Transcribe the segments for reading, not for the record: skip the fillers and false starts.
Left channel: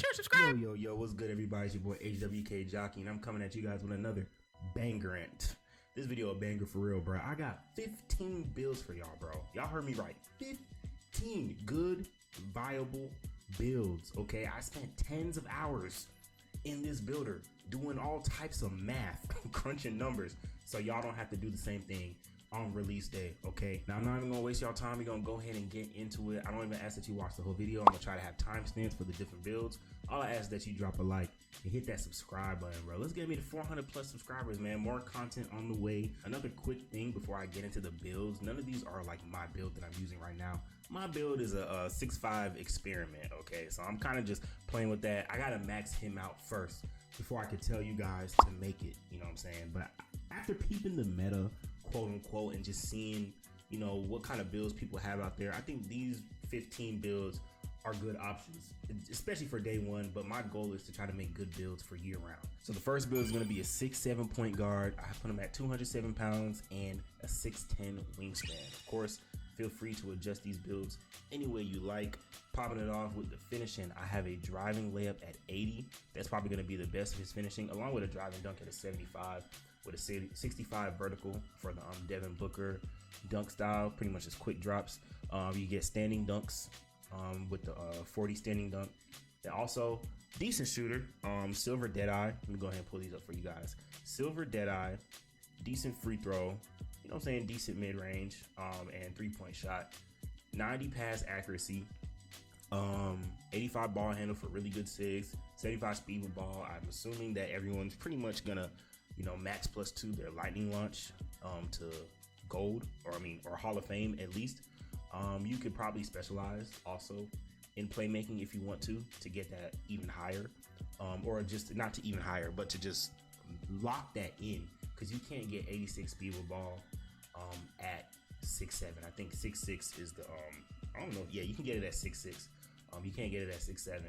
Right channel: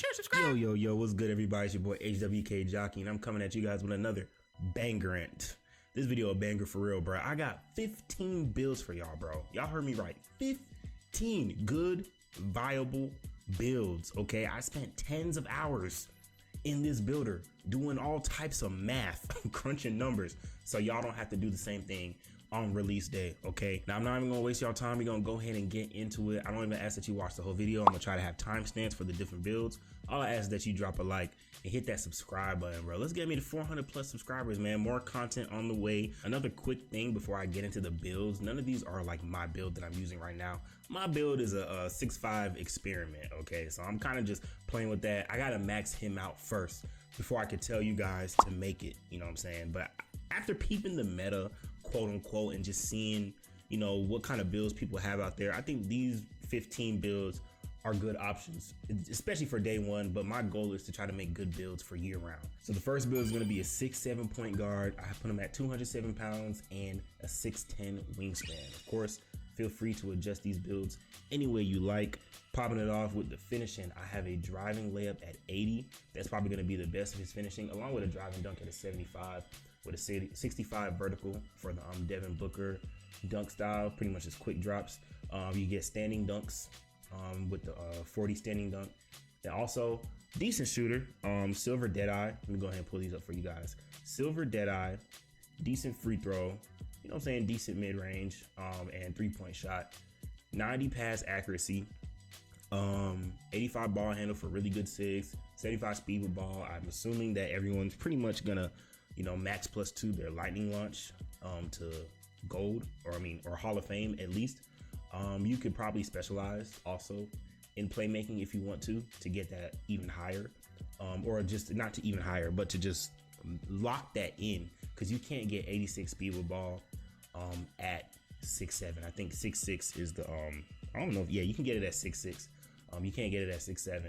share, subscribe. Yo, what's good, everybody? It's your boy HWKJOCKEY, and I'm coming at you guys with another bangerant. This video a banger for real, bro. I got 15 builds for y'all, bro. Y'all heard me right. 15 good, viable builds, okay? I spent tens of hours in this builder doing all types of math, crunching numbers, so y'all don't have to do the same thing on release day, okay? Now, I'm not even gonna waste y'all time. We're gonna go ahead and get into it. I don't even ask that you watch the whole video. I'm gonna try to have timestamps for the different builds. All I ask is that you drop a like and hit that subscribe button, bro. Let's get me to 400 plus subscribers, man. More content on the way. Another quick thing before I get into the builds, none of these are like my build that I'm using right now. My build is a 6'5" experiment, okay? So I'm kind of just playing with that. I gotta max him out first before I can tell you guys to make it, you know what I'm saying? But after peeping the meta, quote unquote, and just seeing, you know, what kind of builds people have out there, I think these 15 builds are good options, especially for day one. But my goal is to try to make good builds for year round. So the first build is going to be a 6'7" point guard. I put him at 207 pounds and a 6'10" wingspan. Of course, feel free to adjust these builds any way you like. Popping it off with the finishing, I have a driving layup at 80. That's probably going to be the best of his finishing, along with a driving dunk at a 75. With a 65 vertical for the Devin Booker dunk style, pretty much just quick drops. You get standing dunks with the 40 standing dunk. And also, decent shooter, silver Deadeye. Let me go ahead and pull these up for you guys. Silver Deadeye, decent free throw, you know what I'm saying, decent mid-range, and 3-point shot. 90 pass accuracy, 85 ball handle for really good sigs, 75 speed with ball. I'm assuming that everyone's pretty much gonna, you know, max +2 their lightning launch to gold, or Hall of Fame at least. You could probably specialize also in playmaking if you want to get that even higher, or just not to even higher, but to just lock that in, because you can't get 86 speed with ball at 6'7". I think 6'6" is the I don't know. Yeah, you can get it at 6'6". You can't get it at 6'7",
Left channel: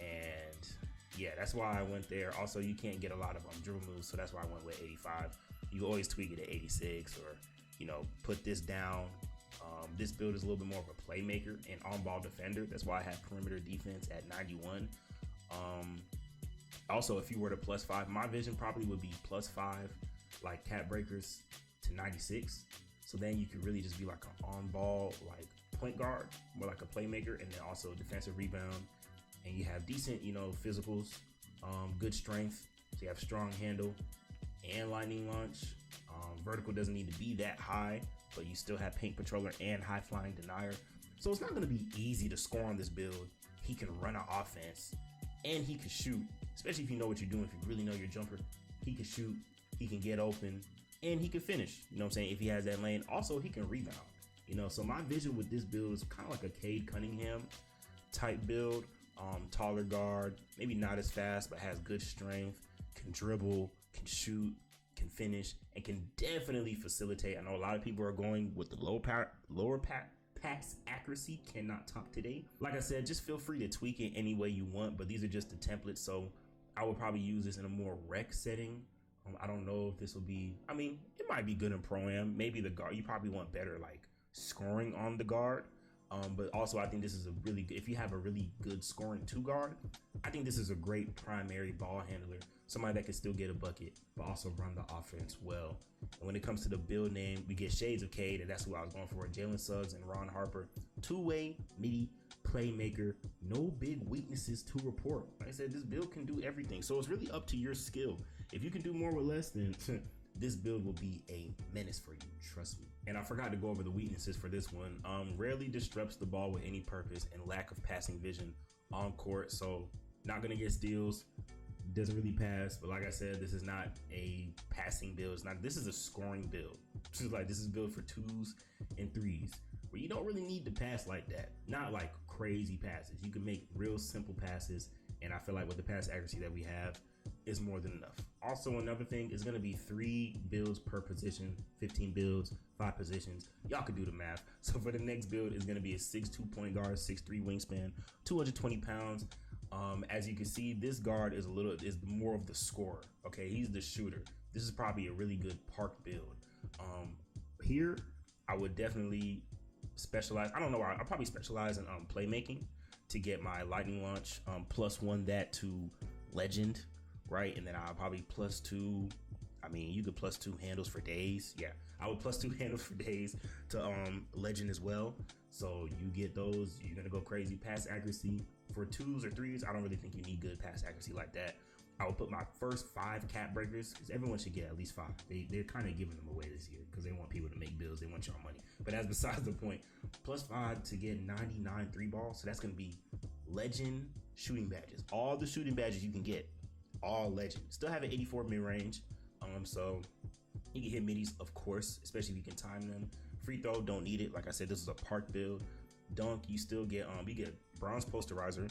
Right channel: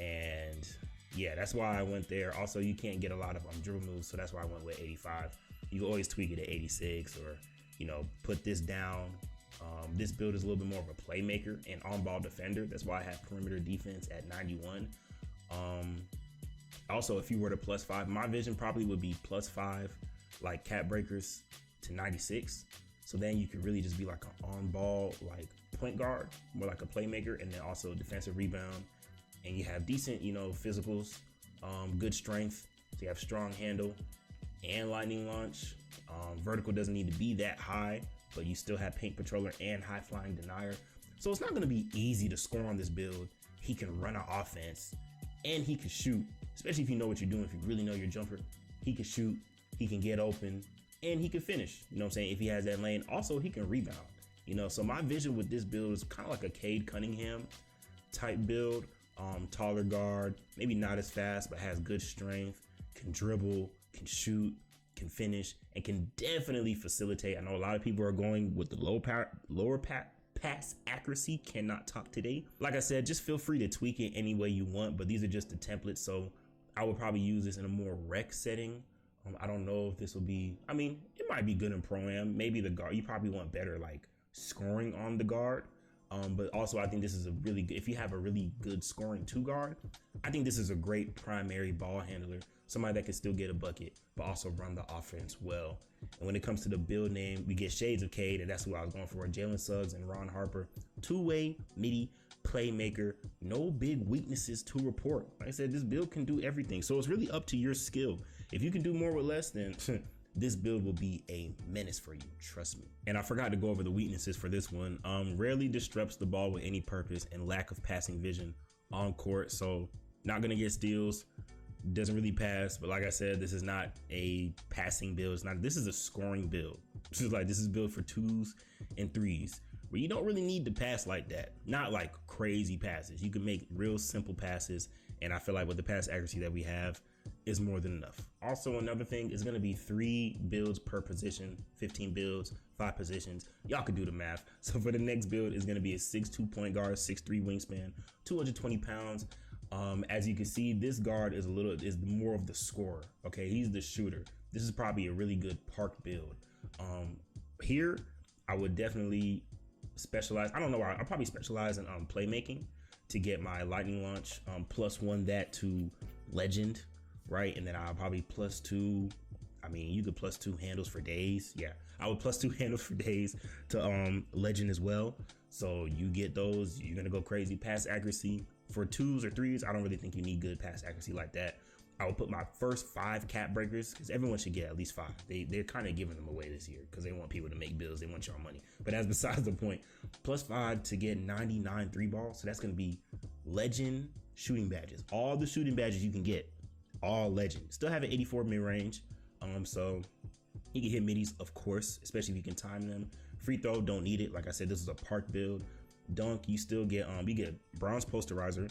and yeah, that's why I went there. Also, you can't get a lot of dribble moves, so that's why I went with 85. You can always tweak it at 86, or, you know, put this down. This build is a little bit more of a playmaker and on-ball defender. That's why I have perimeter defense at 91. Also, if you were to +5, my vision probably would be +5, like cap breakers to 96. So then you could really just be like an on-ball, like point guard, more like a playmaker, and then also defensive rebound. And you have decent, you know, physicals, good strength. So you have strong handle and lightning launch. Vertical doesn't need to be that high, but you still have paint controller and high flying denier. So it's not going to be easy to score on this build. He can run an offense and he can shoot, especially if you know what you're doing. If you really know your jumper, he can shoot, he can get open, and he can finish. You know what I'm saying? If he has that lane, also he can rebound. You know, so my vision with this build is kind of like a Cade Cunningham type build. Taller guard, maybe not as fast, but has good strength, can dribble, can shoot, can finish, and can definitely facilitate. I know a lot of people are going with the lower pass accuracy, cannot talk today. Like I said, just feel free to tweak it any way you want, but these are just the templates, so I would probably use this in a more rec setting. I don't know if this will be, I mean, it might be good in Pro-Am. Maybe the guard, you probably want better like scoring on the guard. But also I think this is a really good, if you have a really good scoring 2 guard, I think this is a great primary ball handler, somebody that can still get a bucket, but also run the offense well. And when it comes to the build name, we get shades of Cade, and that's what I was going for. Jalen Suggs and Ron Harper, 2-way midi playmaker, no big weaknesses to report. Like I said, this build can do everything. So it's really up to your skill. If you can do more with less, then this build will be a menace for you, trust me. And I forgot to go over the weaknesses for this one. Rarely disrupts the ball with any purpose and lack of passing vision on court. So not gonna get steals, doesn't really pass. But like I said, this is not a passing build. This is a scoring build. This is built for 2s and 3s, where you don't really need to pass like that. Not like crazy passes. You can make real simple passes. And I feel like with the pass accuracy that we have, is more than enough. Also, another thing is going to be 3 builds per position, 15 builds, 5 positions. Y'all could do the math. So for the next build is going to be a 6'2" point guard, 6'3" wingspan, 220 pounds. As you can see, this guard is more of the scorer. Okay, he's the shooter. This is probably a really good park build. Here, I would definitely specialize. I don't know. I'll probably specialize in playmaking to get my lightning launch, +1 that to legend, right? And then I'll probably +2. I mean, you could +2 handles for days. Yeah, I would +2 handles for days to legend as well. So you get those, you're gonna go crazy. Pass accuracy for 2s or 3s. I don't really think you need good pass accuracy like that. I would put my first 5 cap breakers, because everyone should get at least 5. They're kind of giving them away this year because they want people to make bills. They want your money. But that's besides the point. +5 to get 99 3 balls. So that's going to be legend shooting badges. All the shooting badges you can get, all legend. Still have an 84 mid range. So you can hit middies, of course, especially if you can time them. Free throw, don't need it. Like I said, this is a park build. Dunk, you still get you get bronze posterizer.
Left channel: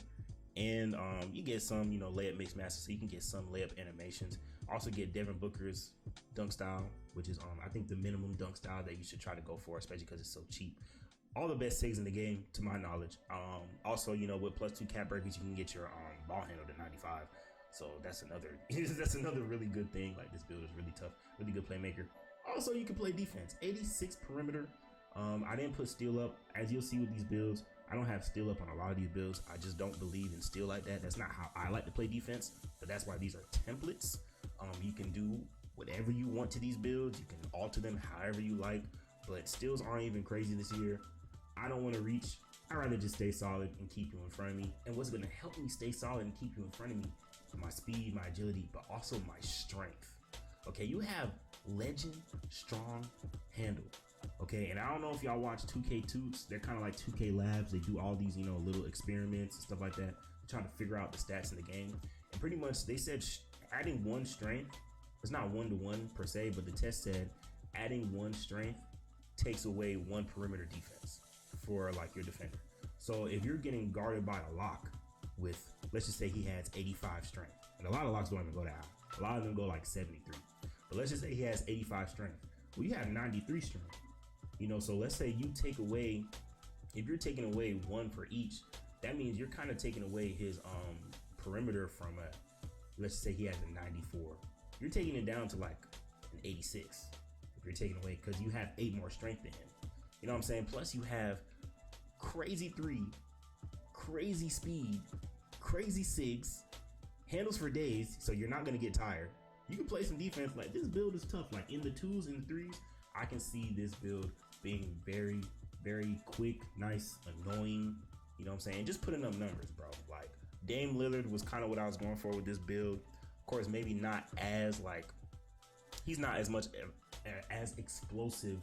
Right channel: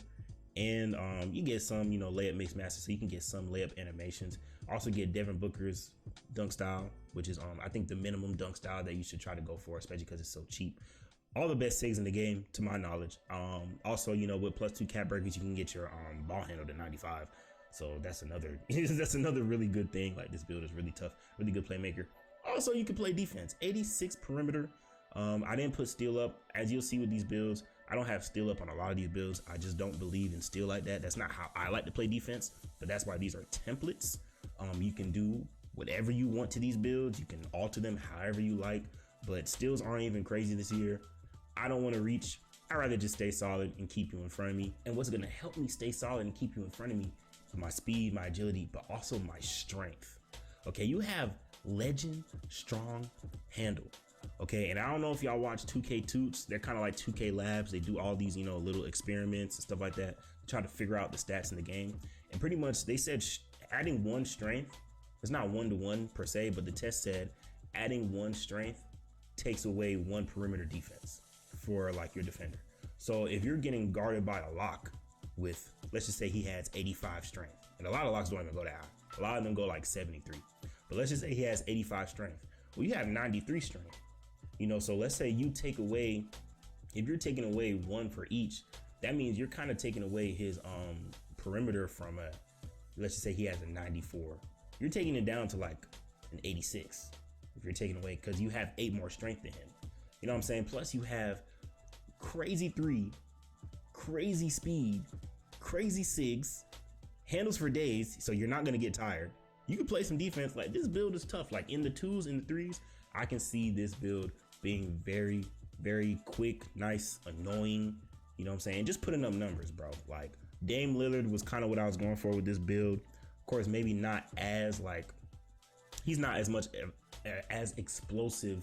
And you get some, layup mix master, so you can get some layup animations. Also get Devin Booker's dunk style, which is I think the minimum dunk style that you should try to go for, especially because it's so cheap. All the best saves in the game, to my knowledge. Also, with +2 cap breakers, you can get your ball handle to 95. So that's another really good thing. Like, this build is really tough, really good playmaker. Also, you can play defense. 86 perimeter. I didn't put steal up. As you'll see with these builds, I don't have steal up on a lot of these builds. I just don't believe in steal like that. That's not how I like to play defense, but that's why these are templates. You can do whatever you want to these builds. You can alter them however you like, but steals aren't even crazy this year. I don't want to reach. I'd rather just stay solid and keep you in front of me. And what's going to help me stay solid and keep you in front of me? My speed, my agility, but also my strength. Okay, you have legend strong handle. Okay, and I don't know if y'all watch 2K Toots. They're kind of like 2K Labs. They do all these, little experiments and stuff like that, try to figure out the stats in the game. And pretty much they said adding 1 strength, it's not 1-to-1 per se, but the test said adding 1 strength takes away 1 perimeter defense for like your defender. So if you're getting guarded by a lock with, let's just say he has 85 strength, and a lot of locks don't even go that high. A lot of them go like 73. But let's just say he has 85 strength. Well, you have 93 strength. So let's say you take away, if you're taking away 1 for each, that means you're kind of taking away his perimeter from let's just say he has a 94. You're taking it down to like an 86 if you're taking away, because you have 8 more strength than him. You know what I'm saying? Plus you have crazy 3, crazy speed, crazy 6, handles for days, so you're not gonna get tired. You can play some defense. Like, this build is tough. Like, in the 2s and the 3s, I can see this build being very, very quick, nice, annoying. You know what I'm saying? Just putting up numbers, bro. Like, Dame Lillard was kind of what I was going for with this build. Of course, maybe not as he's not as much as explosive.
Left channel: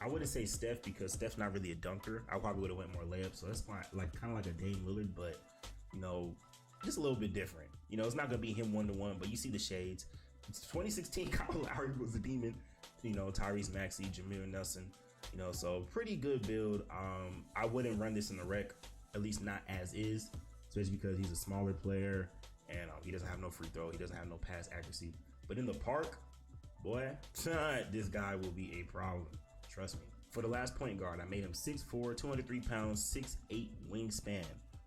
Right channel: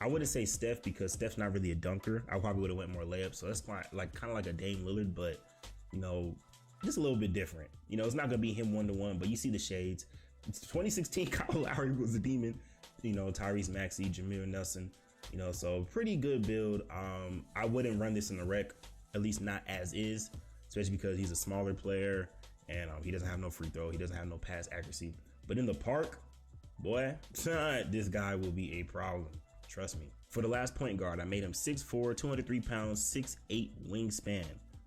I wouldn't say Steph, because Steph's not really a dunker. I probably would have went more layups. So that's kind of like a Dame Lillard, but just a little bit different. It's not gonna be him 1-to-1, but you see the shades. It's 2016 Kyle Lowry was a demon. Tyrese Maxey, Jameer Nelson. So pretty good build. I wouldn't run this in the rec, at least not as is, especially because he's a smaller player and he doesn't have no free throw. He doesn't have no pass accuracy. But in the park, boy, this guy will be a problem. Trust me. For the last point guard, I made him 6'4", 203 pounds, 6'8" wingspan.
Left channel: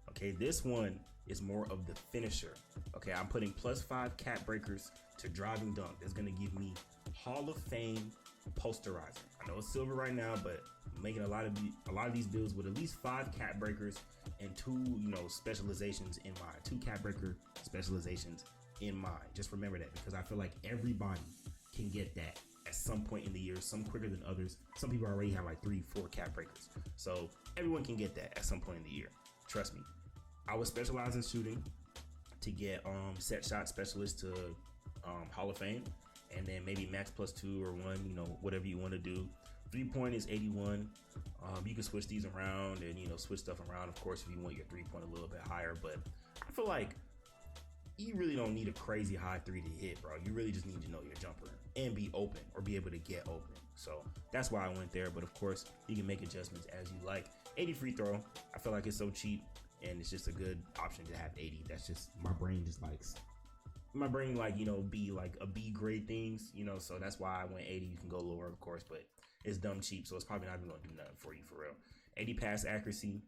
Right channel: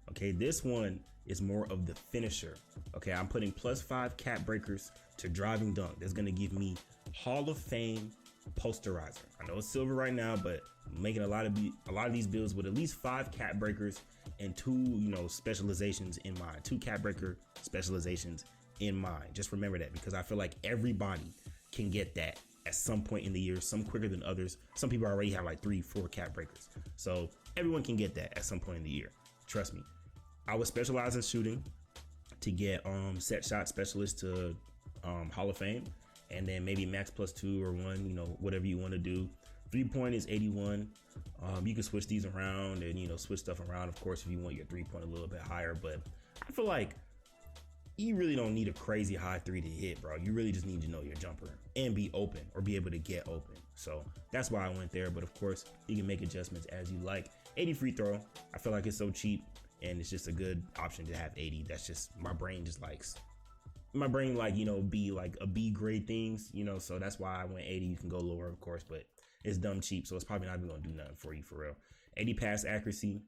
Okay, this one is more of the finisher. Okay, I'm putting +5 cap breakers to driving dunk. That's gonna give me Hall of Fame posterizer. I know it's silver right now, but I'm making a lot of these builds with at least 5 cap breakers and 2, specializations in mind. 2 cap breaker specializations in mind. Just remember that, because I feel like everybody can get that at some point in the year, some quicker than others. Some people already have like 3-4 cap breakers. So everyone can get that at some point in the year. Trust me. I would specialize in shooting to get set shot specialist to Hall of Fame, and then maybe max +2 or 1, whatever you want to do. 3-point is 81. You can switch these around and switch stuff around, of course, if you want your 3-point a little bit higher. But I feel like you really don't need a crazy high 3 to hit, bro. You really just need to know your jumper and be open, or be able to get open. So that's why I went there. But of course, you can make adjustments as you like. 80 free throw. I feel like it's so cheap, and it's just a good option to have 80. That's just, my brain just likes, be like a B grade things, so that's why I went 80. You can go lower, of course, but it's dumb cheap, so it's probably not even gonna do nothing for you for real. 80 pass accuracy,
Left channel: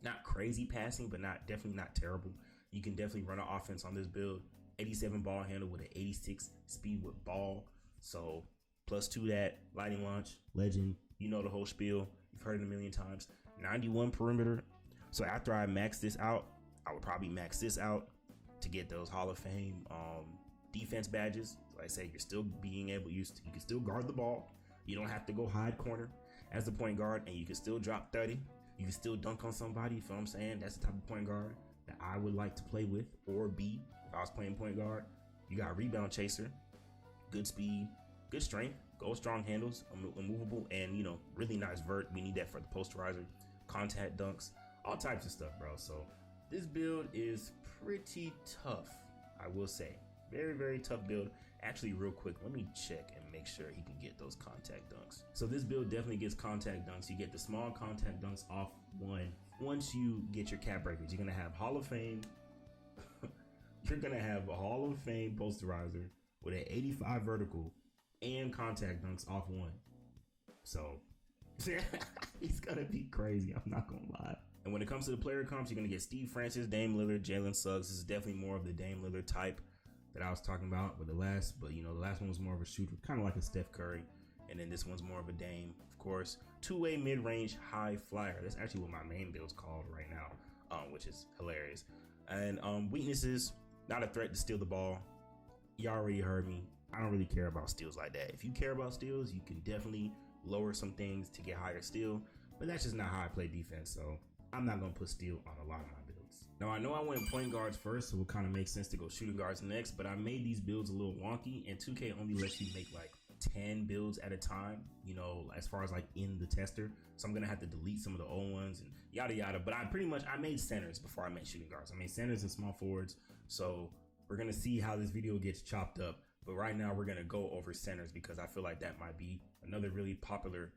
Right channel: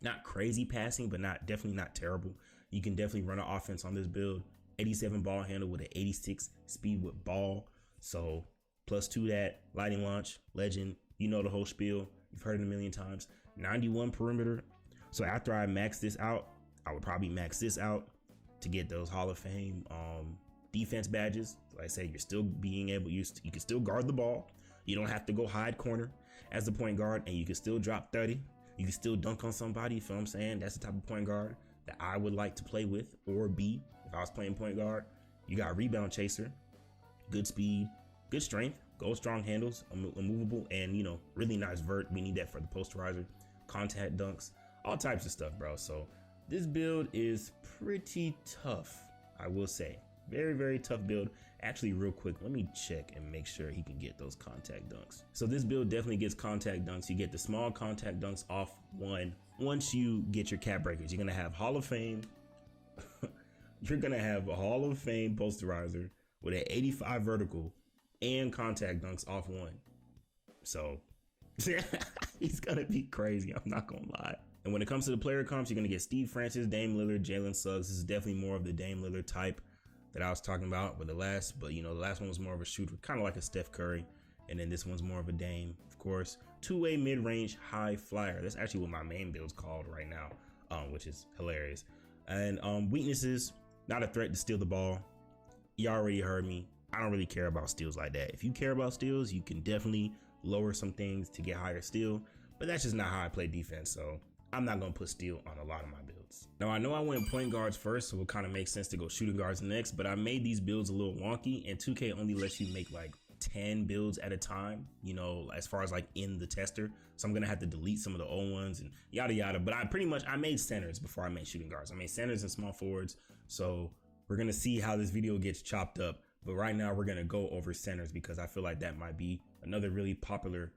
not crazy passing, but definitely not terrible. You can definitely run an offense on this build. 87 ball handle with an 86 speed with ball. So +2 that, lightning launch, legend, the whole spiel. You've heard it a million times. 91 perimeter. So after I max this out, I would probably max this out to get those Hall of Fame defense badges. Like I said, you're still being able, you can still guard the ball. You don't have to go hide corner as the point guard, and you can still drop 30. You can still dunk on somebody. You feel what I'm saying? That's the type of point guard that I would like to play with or be if I was playing point guard. You got rebound chaser, good speed, good strength, gold strong handles, immovable, and you know, really nice vert. We need that for the posterizer, contact dunks, all types of stuff, bro. So this build is pretty tough, I will say. Very, very tough build. Actually, real quick, let me check and make sure he can get those contact dunks. So this build definitely gets contact dunks. You get the small contact dunks off one. Once you get your cap breakers, you're gonna have Hall of Fame. You're gonna have a Hall of Fame posterizer with an 85 vertical and contact dunks off one. So he's gonna be crazy, I'm not gonna lie. And when it comes to the player comps, you're gonna get Steve Francis, Dame Lillard, Jalen Suggs. This is definitely more of the Dame Lillard type that I was talking about with the last, but you know, the last one was more of a shooter, kind of like a Steph Curry. And then this one's more of a Dame, of course. Two-way mid-range high flyer. That's actually what my main build's called right now, which is hilarious. And weaknesses, not a threat to steal the ball. You already heard me. I don't really care about steals like that. If you care about steals, you can definitely lower some things to get higher steal, but that's just not how I play defense. So I'm not gonna put steal on a lot of my builds. Now I know I went point guards first, so it kind of makes sense to go shooting guards next, but I made these builds a little wonky, and 2K only lets you make like 10 builds at a time, you know, as far as like in the tester. So I'm gonna have to delete some of the old ones and yada yada. But I made centers before I made shooting guards. I made centers and small forwards. So we're gonna see how this video gets chopped up. But right now we're gonna go over centers because I feel like that might be another really popular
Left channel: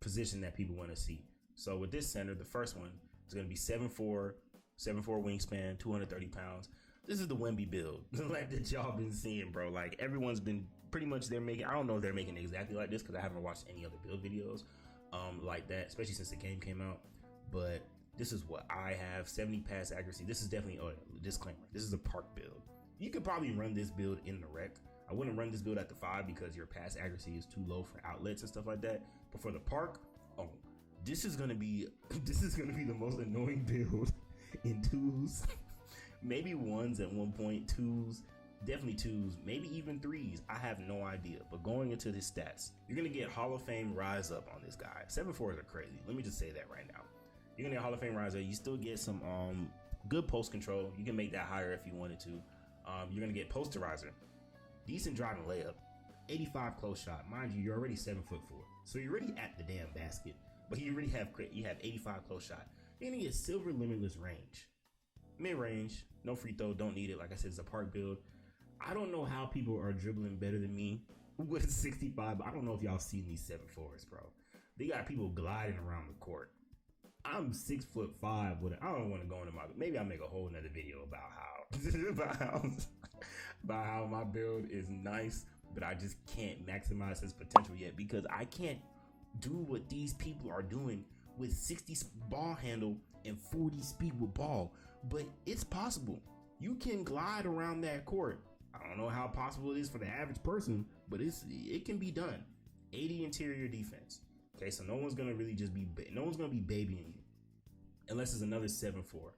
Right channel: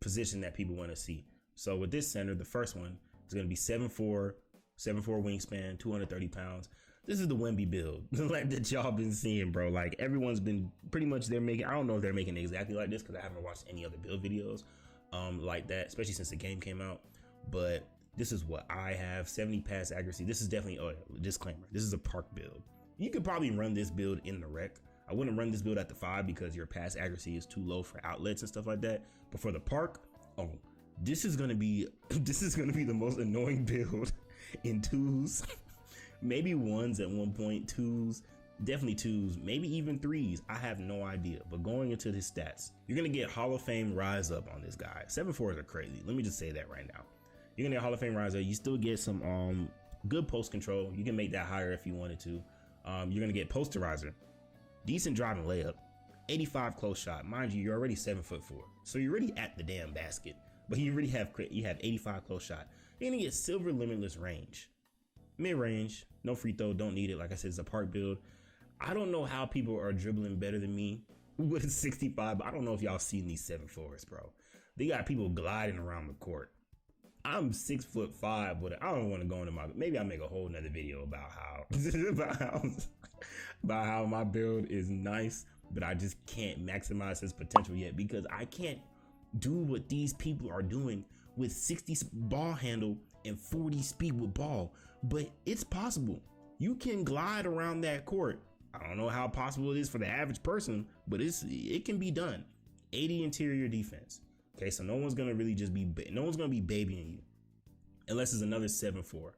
position that people want to see. So with this center, the first one is gonna be 7'4", 7'4" wingspan, 230 pounds. This is the Wemby build like that y'all been seeing, bro. Like everyone's been pretty much, I don't know if they're making it exactly like this because I haven't watched any other build videos like that, especially since the game came out. But this is what I have, 70 pass accuracy. This is definitely, disclaimer, this is a park build. You could probably run this build in the rec. I wouldn't run this build at the 5 because your pass accuracy is too low for outlets and stuff like that. But for the park, this is gonna be the most annoying build in 2s. Maybe 1s at one point, 2s, definitely 2s, maybe even 3s. I have no idea. But going into his stats, you're gonna get Hall of Fame rise up on this guy. 7'4s are crazy. Let me just say that right now. You're gonna get Hall of Fame rise up. You still get some good post control. You can make that higher if you wanted to. You're gonna get posterizer, decent driving layup, 85 close shot. Mind you, you're already 7'4", so you're already at the damn basket. But you have 85 close shot. You're gonna get silver limitless range. Mid-range, no free throw, don't need it. Like I said, it's a park build. I don't know how people are dribbling better than me with 65, but I don't know if y'all seen these 7'4s, bro. They got people gliding around the court. I'm 6'5", but I don't want to go into maybe I'll make a whole nother video about how my build is nice, but I just can't maximize his potential yet because I can't do what these people are doing with 60 ball handle and 40 speed with ball. But it's possible. You can glide around that court. I don't know how possible it is for the average person, but it can be done. 80 interior defense. Okay, so no one's gonna really no one's gonna be babying you unless it's another 7'4".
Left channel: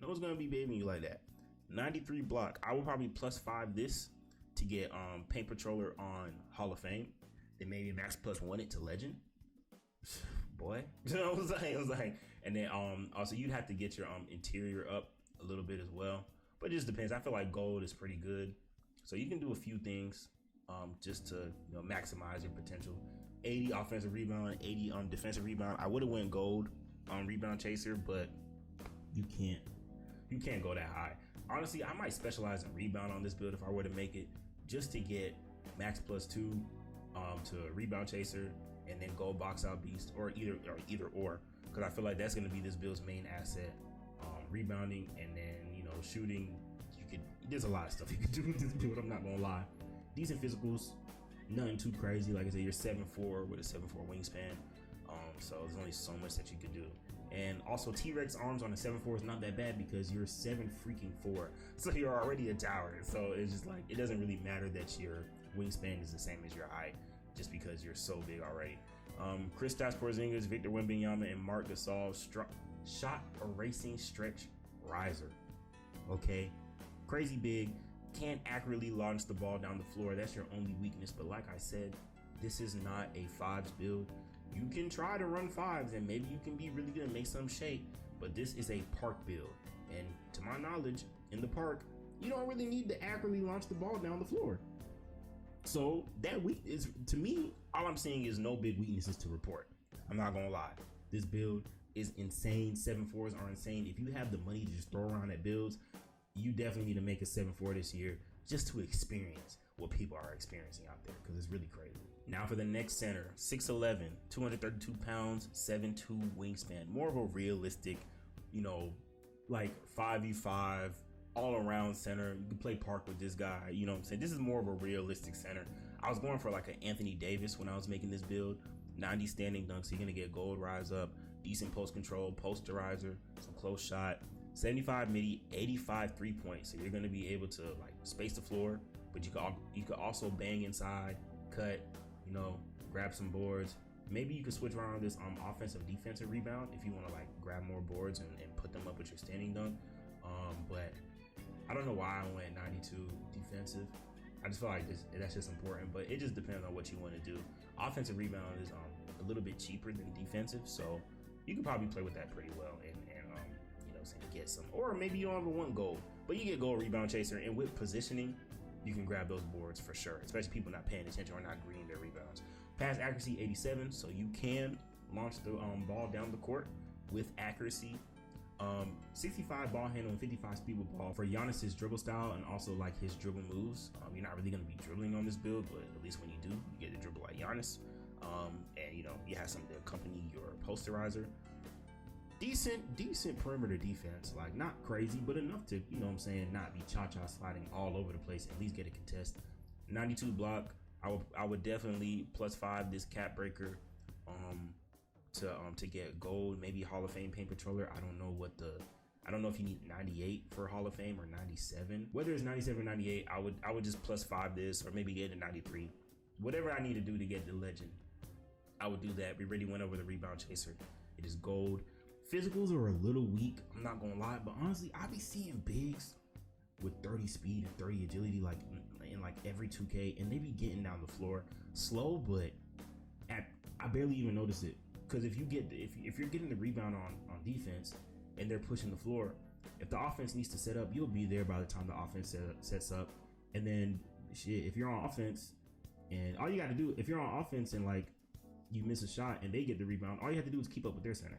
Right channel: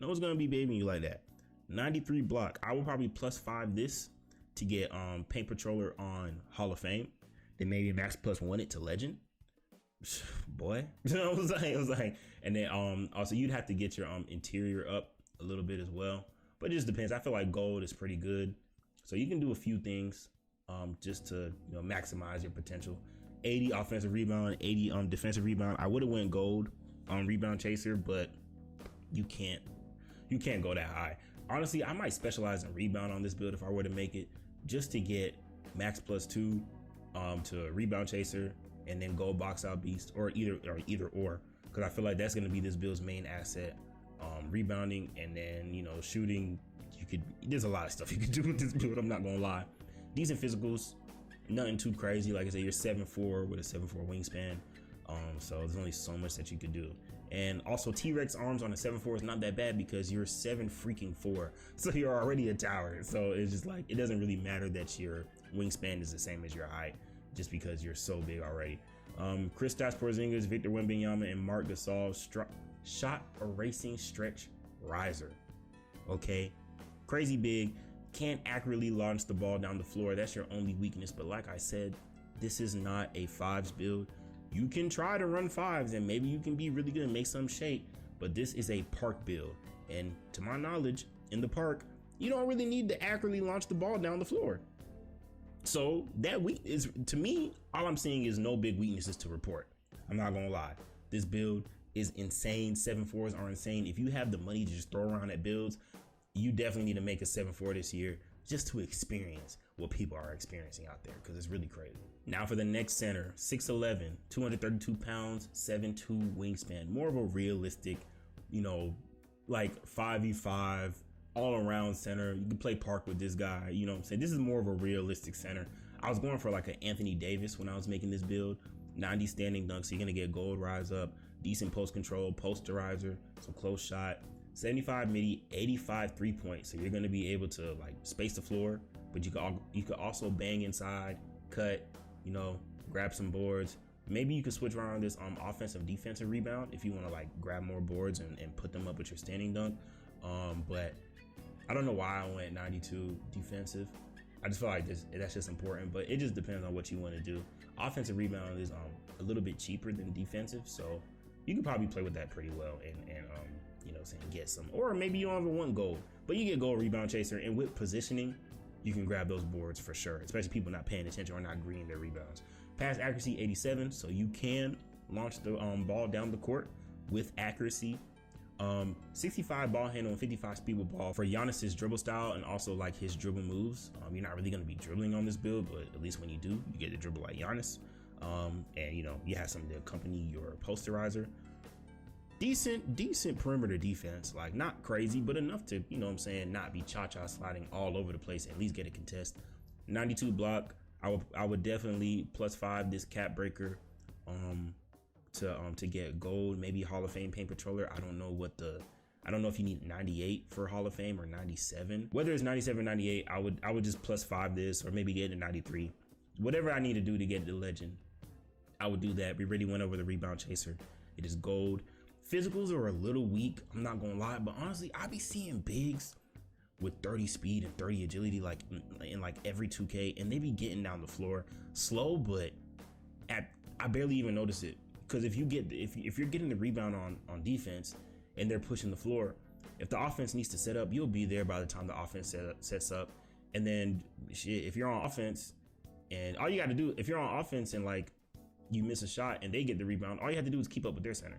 No one's gonna be babying you like that. 93 block. I will probably +5 this to get paint patroller on Hall of Fame. Then maybe max +1 it to legend. Boy, I was like, and then also you'd have to get your interior up a little bit as well, but it just depends. I feel like gold is pretty good, so you can do a few things just to maximize your potential. 80 offensive rebound, 80 defensive rebound. I would have went gold on rebound chaser, but you can't go that high. Honestly, I might specialize in rebound on this build if I were to make it, just to get max +2 to rebound chaser and then gold box out beast, or either or, because I feel like that's going to be this build's main asset. Rebounding and then shooting. There's a lot of stuff you can do with this build, I'm not gonna lie. Decent physicals, nothing too crazy. Like I said, you're 7'4" with a 7'4" wingspan, so there's only so much that you could do. And also T-Rex arms on a 7'4" is not that bad because you're 7'4", so you're already a tower. So it's just like, it doesn't really matter that your wingspan is the same as your height, just because you're so big already. Kristaps Porzingis, Victor Wembanyama, and Marc Gasol shot erasing stretch riser. Okay, crazy big, can't accurately launch the ball down the floor. That's your only weakness. But like I said, this is not a fives build. You can try to run fives and maybe you can be really good and make some shape, but this is a park build. And to my knowledge, in the park, you don't really need to accurately launch the ball down the floor. So that is, to me, all I'm seeing is no big weaknesses to report. I'm not gonna lie. This build is insane. 7.4s are insane. If you have the money to just throw around at builds, you definitely need to make a 7.4 this year just to experience what people are experiencing out there, because it's really crazy. Now for the next center, 6'11", 232 pounds, 7'2" wingspan. More of a realistic, like 5v5 all around center. You can play park with this guy, you know what I'm saying? This is more of a realistic center. I was going for like an Anthony Davis when I was making this build. 90 standing dunks, so you're gonna get gold rise up, decent post control, posterizer, some close shot, 75 midi, 85 3-point. So you're gonna be able to like space the floor, but you could also bang inside, cut, grab some boards. Maybe you could switch around this offensive defensive rebound if you want to like grab more boards and put them up with your standing dunk. But I don't know why I went 92 defensive. I just feel like that's just important, but it just depends on what you want to do. Offensive rebound is a little bit cheaper than defensive, so you can probably play with that pretty well and get some. Or maybe you don't ever want gold, but you get gold rebound chaser, and with positioning, you can grab those boards for sure, especially people not paying attention or not greening their rebounds. Pass accuracy 87, so you can launch the ball down the court with accuracy. 65 ball handle and 55 speed with ball for Giannis's dribble style and also like his dribble moves. You're not really going to be dribbling on this build, but at least when you do, you get to dribble like Giannis. And you have something to accompany your posterizer. Decent perimeter defense, like not crazy, but enough to, not be cha-cha sliding all over the place, at least get a contest. 92 block. I would definitely +5 this cap breaker to get gold, maybe Hall of Fame paint controller. I don't know if you need 98 for Hall of Fame or 97. Whether it's 97 or 98, I would just +5 this, or maybe get a 93. Whatever I need to do to get the legend, I would do that. We already went over the rebound chaser. It is gold. Physicals are a little weak, I'm not gonna lie, but honestly, I be seeing bigs with 30 speed and 30 agility like in like every 2K, and they be getting down the floor slow, but I barely even notice it. Because if you're getting the rebound on defense and they're pushing the floor, if the offense needs to set up, you'll be there by the time the offense sets up. And then shit, if you're on offense and all you got to do, if you're on offense and like you miss a shot and they get the rebound, all you have to do is keep up with their center.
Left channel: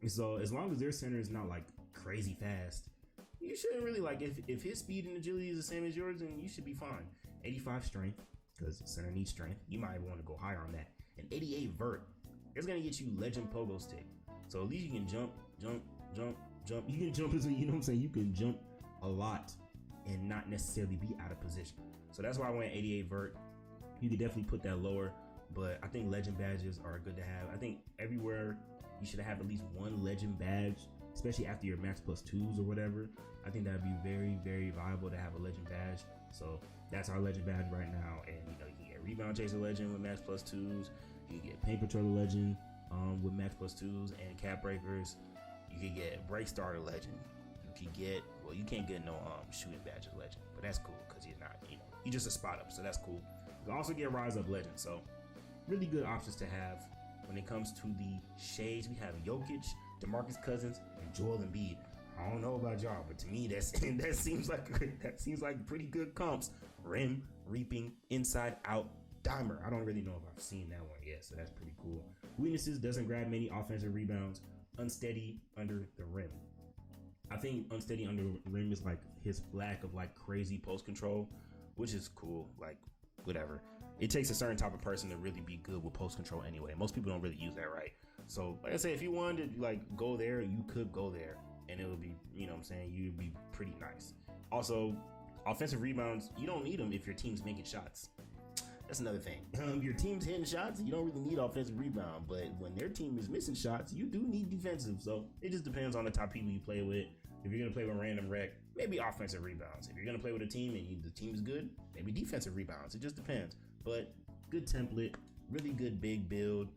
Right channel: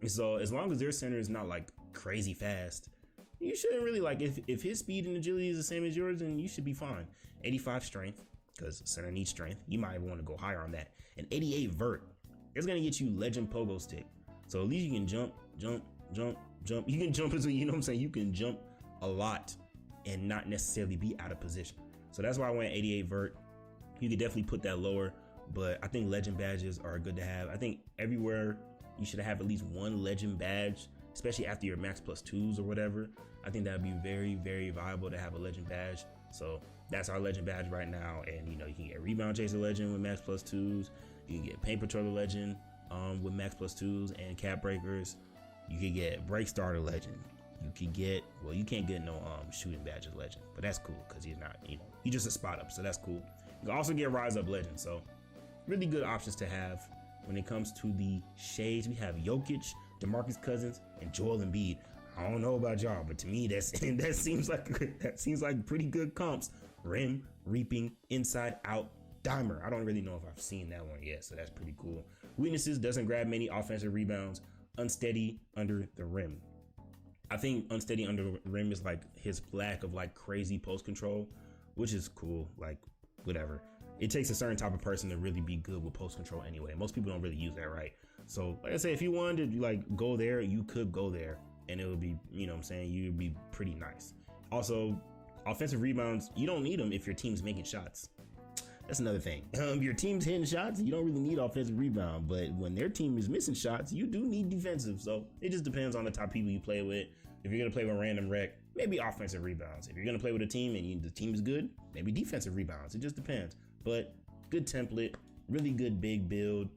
And so as long as their center is not like crazy fast, you shouldn't really like, if his speed and agility is the same as yours, then you should be fine. 85 strength, because center needs strength. You might want to go higher on that. And 88 vert. It's gonna get you legend pogo stick. So at least you can jump. You can jump, you know what I'm saying? You can jump a lot and not necessarily be out of position. So that's why I went 88 vert. You could definitely put that lower, but I think legend badges are good to have. I think everywhere you should have at least one legend badge, especially after your max +2s or whatever. I think that'd be very, very viable to have a legend badge. So that's our legend badge right now. And you can get rebound chaser legend with max +2s. You can get paint patroller legend with max +2s and cap breakers. You can get break starter legend. You can get, well, you can't get no shooting badges legend, but that's cool because he's not, he's just a spot up, so that's cool. You can also get rise up legend. So really good options to have. When it comes to the shades, we have Jokic, DeMarcus Cousins, and Joel Embiid. I don't know about y'all, but to me that seems like pretty good comps. Rim, reaping, inside out, dimer. I don't really know if I've seen that one yet, so that's pretty cool. Weaknesses: doesn't grab many offensive rebounds, unsteady under the rim. I think unsteady under the rim is like his lack of like crazy post control, which is cool. Like whatever. It takes a certain type of person to really be good with post control anyway. Most people don't really use that, right? So like I say, if you wanted to like go there, you could go there and it would be, you'd be pretty nice. Also, offensive rebounds, you don't need them if your team's making shots. That's another thing. Your team's hitting shots, you don't really need offensive rebound, but when their team is missing shots, you do need defensive. So it just depends on the type of people you play with. If you're gonna play with random rec, maybe offensive rebounds. If you're gonna play with a team and the team is good, maybe defensive rebounds. It just depends. But good template, really good big build,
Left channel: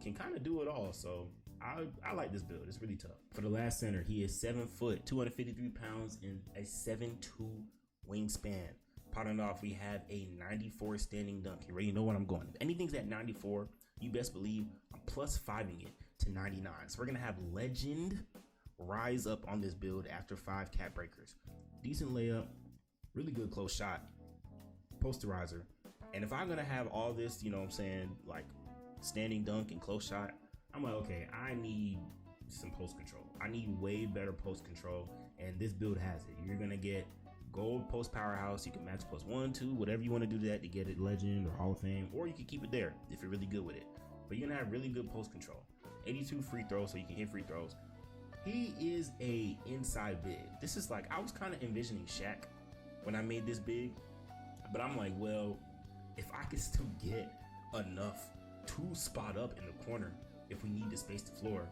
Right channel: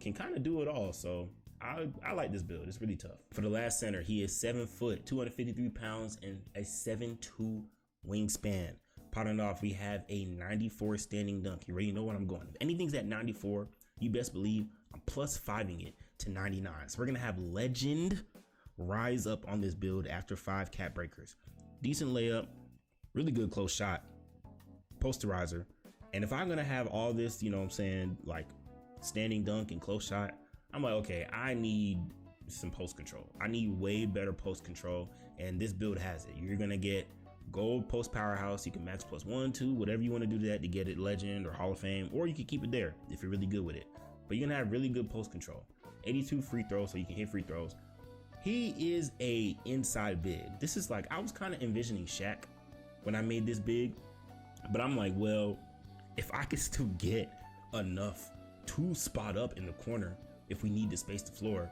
can kind of do it all. So I like this build. It's really tough. For the last center, he is 7 foot, 253 pounds, and a 7'2" wingspan. Potting off, we have a 94 standing dunk. You already know what I'm going. If anything's at 94, you best believe I'm plus 5ing it to 99. So we're gonna have legend rise up on this build after 5 cap breakers. Decent layup, really good close shot, posterizer. And if I'm gonna have all this, you know what I'm saying, like standing dunk and close shot, I'm like, okay, I need some post control. I need way better post control, and this build has it. You're gonna get gold post powerhouse. You can max plus 1, 2, whatever you want to do to that to get it legend or Hall of Fame, or you can keep it there if you're really good with it. But you're gonna have really good post control. 82 free throws, so you can hit free throws. He is a inside big. This is like, I was kind of envisioning SHAQ when I made this big, but I'm like, well, if I could still get enough to spot up in the corner if we need to space the floor,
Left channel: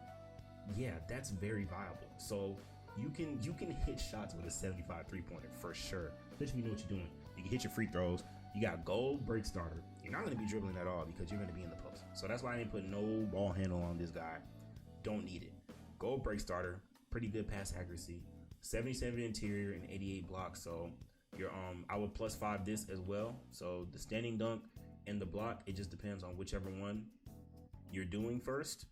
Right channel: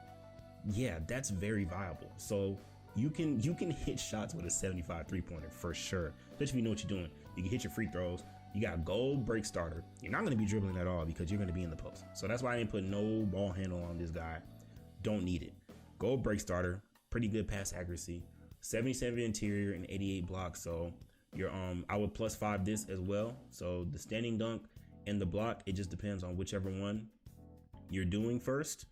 yeah, that's very viable. So you can hit shots with a 75 3-pointer for sure, especially if you know what you're doing. You can hit your free throws. You got gold break starter. You're not going to be dribbling at all because you're going to be in the post. So that's why I didn't put no ball handle on this guy. Don't need it. Gold break starter, pretty good pass accuracy, 77 interior and 88 block. So you're I would plus 5 this as well. So the standing dunk and the block, it just depends on whichever one you're doing first.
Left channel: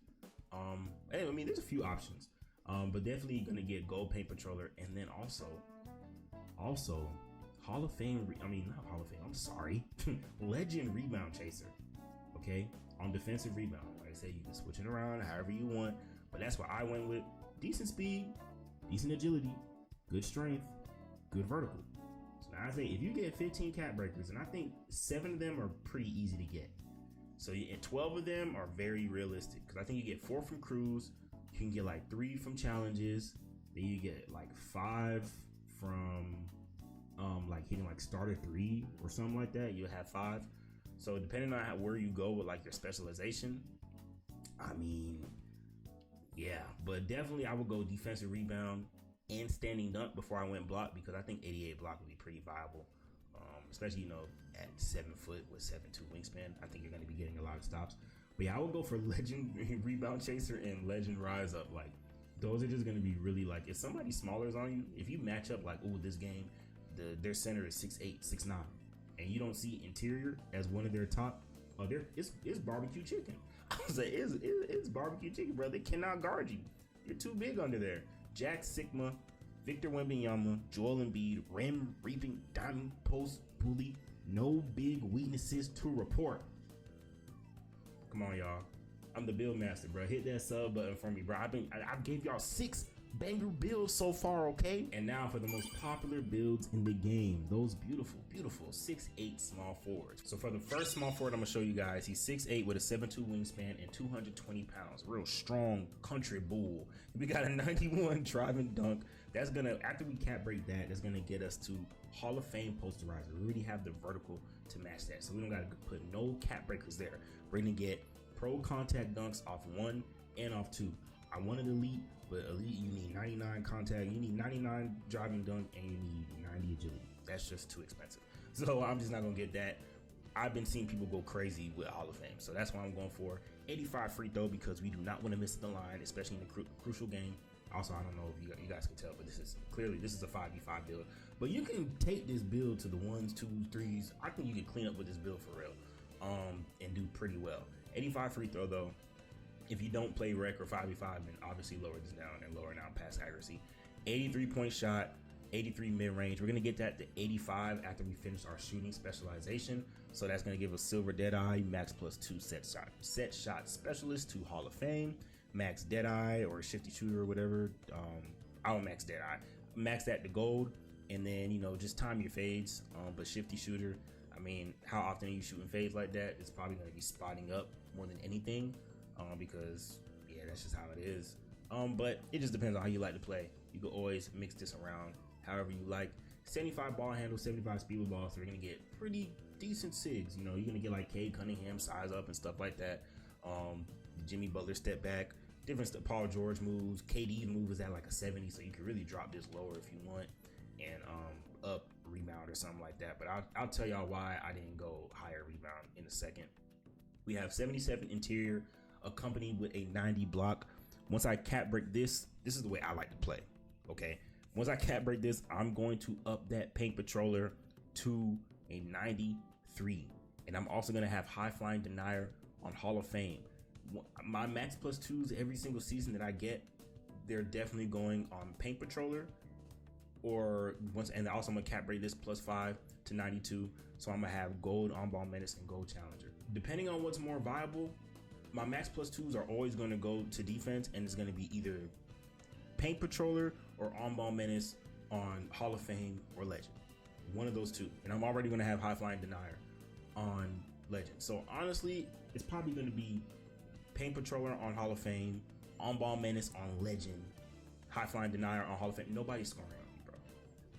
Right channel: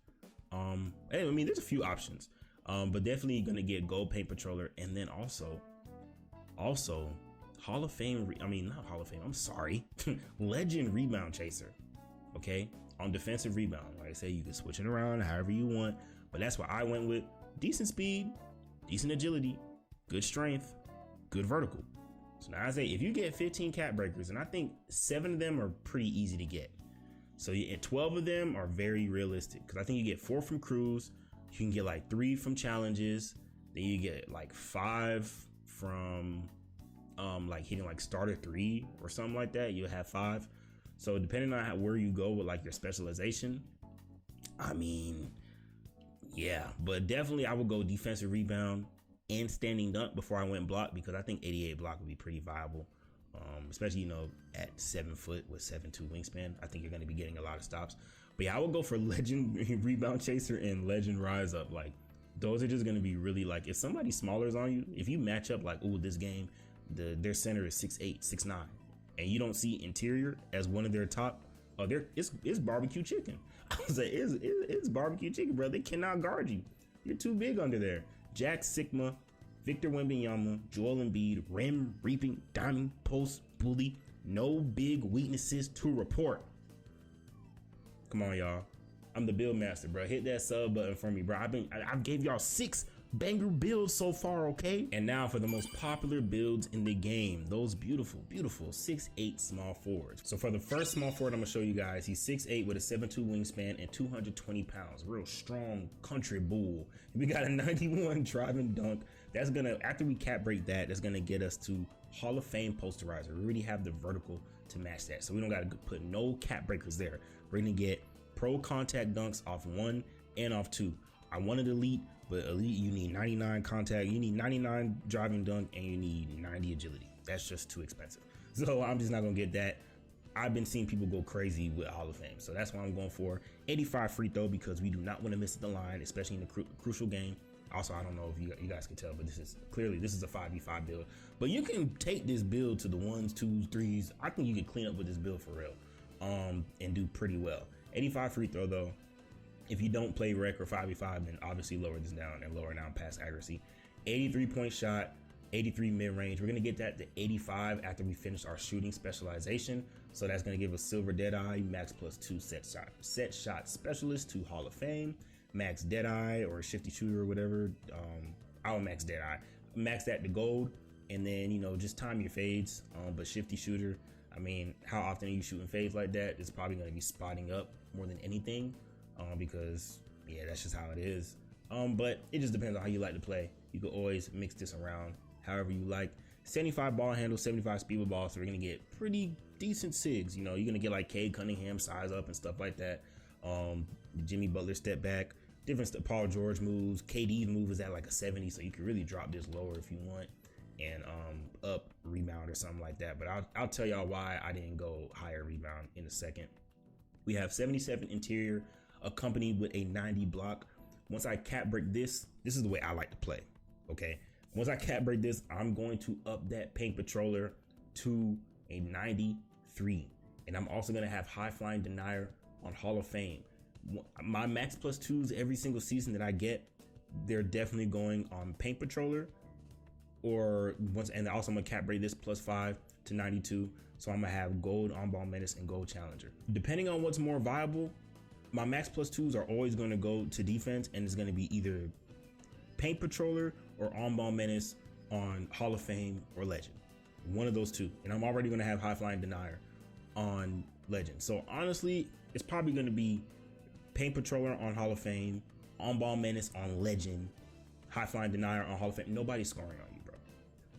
I mean, there's a few options, but definitely gonna get gold paint patroller, and then also Hall of Fame. Not Hall of Fame. I'm sorry, legend rebound chaser. Okay, on defensive rebound, like I say, you can switch it around however you want, but that's what I went with. Decent speed, decent agility, good strength, good vertical. So now I say, if you get 15 cap breakers, and I think 7 of them are pretty easy to get. So 12 of them are very realistic, because I think you get 4 from crews, you can get like 3 from challenges, then you get like 5 from like hitting like starter 3 or something like that. You'll have 5. So depending on where you go with like your specialization, I mean, yeah, but definitely I would go defensive rebound and standing dunk before I went block, because I think 88 block would be pretty viable. Especially, you know, at 7 foot with 7'2" wingspan, I think you're going to be getting a lot of stops. But yeah, I would go for legend rebound chaser and legend rise up. Like, those are just going to be really, like, if somebody smaller is on you, if you match up like, ooh, this game, their center is 6'8", 6'9", and you don't see interior as one of their top, it's barbecue chicken. I was like, it's barbecue chicken, bro. They cannot guard you. You're too big under there. Jack Sigma, Victor Wembanyama, Joel Embiid, rim, reaping, diamond, post, bully, no big weaknesses to report. Come on, y'all. I'm the build master, bro. Hit that sub button for me, bro. I gave y'all 6 banger builds so far, okay? And now for the most popular builds in the game. Those beautiful 6'8" small forwards. So for the first small forward I'm gonna show you guys, he's 6'8" with a 7'2" wingspan and 220 pounds. Real strong country bull. We got a 91 driving dunk. That's gonna, after we cap break that, that's gonna get us to Hall of Fame posterizer. We already have the vertical to match that, so we don't gotta put no cap breakers there. We're gonna get pro contact dunks off 1 and off 2. I wanted elite, but elite, you need 99 contact, you need 99 driving dunk, and you need 90 agility. That's just too expensive. So I'm just not gonna get that. I've been seeing people go crazy with Hall of Fame, so that's why I'm going for 85 free throw, because we do not want to miss the line, especially in the crucial game. Also, I don't know if you guys can tell, but this is a 5v5 build. But you can take this build to the 1s, 2s, 3s. I think you can clean up with this build for real, and do pretty well. 85 free throw though. If you don't play rec or 5v5, then obviously lower this down and lower down pass accuracy. 83 point shot, 83 mid range. We're gonna get that to 85 after we finish our shooting specialization. So that's gonna give us silver deadeye, max plus 2 set shot specialist to Hall of Fame, max deadeye or shifty shooter or whatever. I'll max deadeye, max that to gold, and then, you know, just time your fades. But shifty shooter, I mean, how often are you shooting fades like that? It's probably gonna be spotting up more than anything. Because yeah, that's just how it is. But it just depends on how you like to play. You can always mix this around however you like. 75 ball handle, 75 speed with ball, so we're gonna get pretty decent sigs. You know, you're gonna get like Cade Cunningham size up and stuff like that. Jimmy Butler step back, different Paul George moves. KD's move is at like a 70, so you can really drop this lower if you want, and up rebound or something like that. But I'll tell y'all why I didn't go higher rebound in a second. We have 77 interior, accompanied with a 90 block. Once I cap break this is the way I like to play. Okay. Once I cap break this, I'm going to up that paint patroller to a 93. And I'm also going to have high flying denier on Hall of Fame. My max plus twos every single season that I get, they're definitely going on paint patroller and also I'm gonna cap break this +5 to 92. So I'm gonna have gold on ball menace and gold challenger. Depending on what's more viable, my max plus twos are always gonna go to defense, and it's gonna be either paint patroller or on ball menace on Hall of Fame or legend. One of those two. And I'm already gonna have high flying denier on legend. So honestly, it's probably gonna be paint patroller on Hall of Fame, on ball menace on legend, high flying denier on Hall of Fame. Nobody's scoring on you, bro.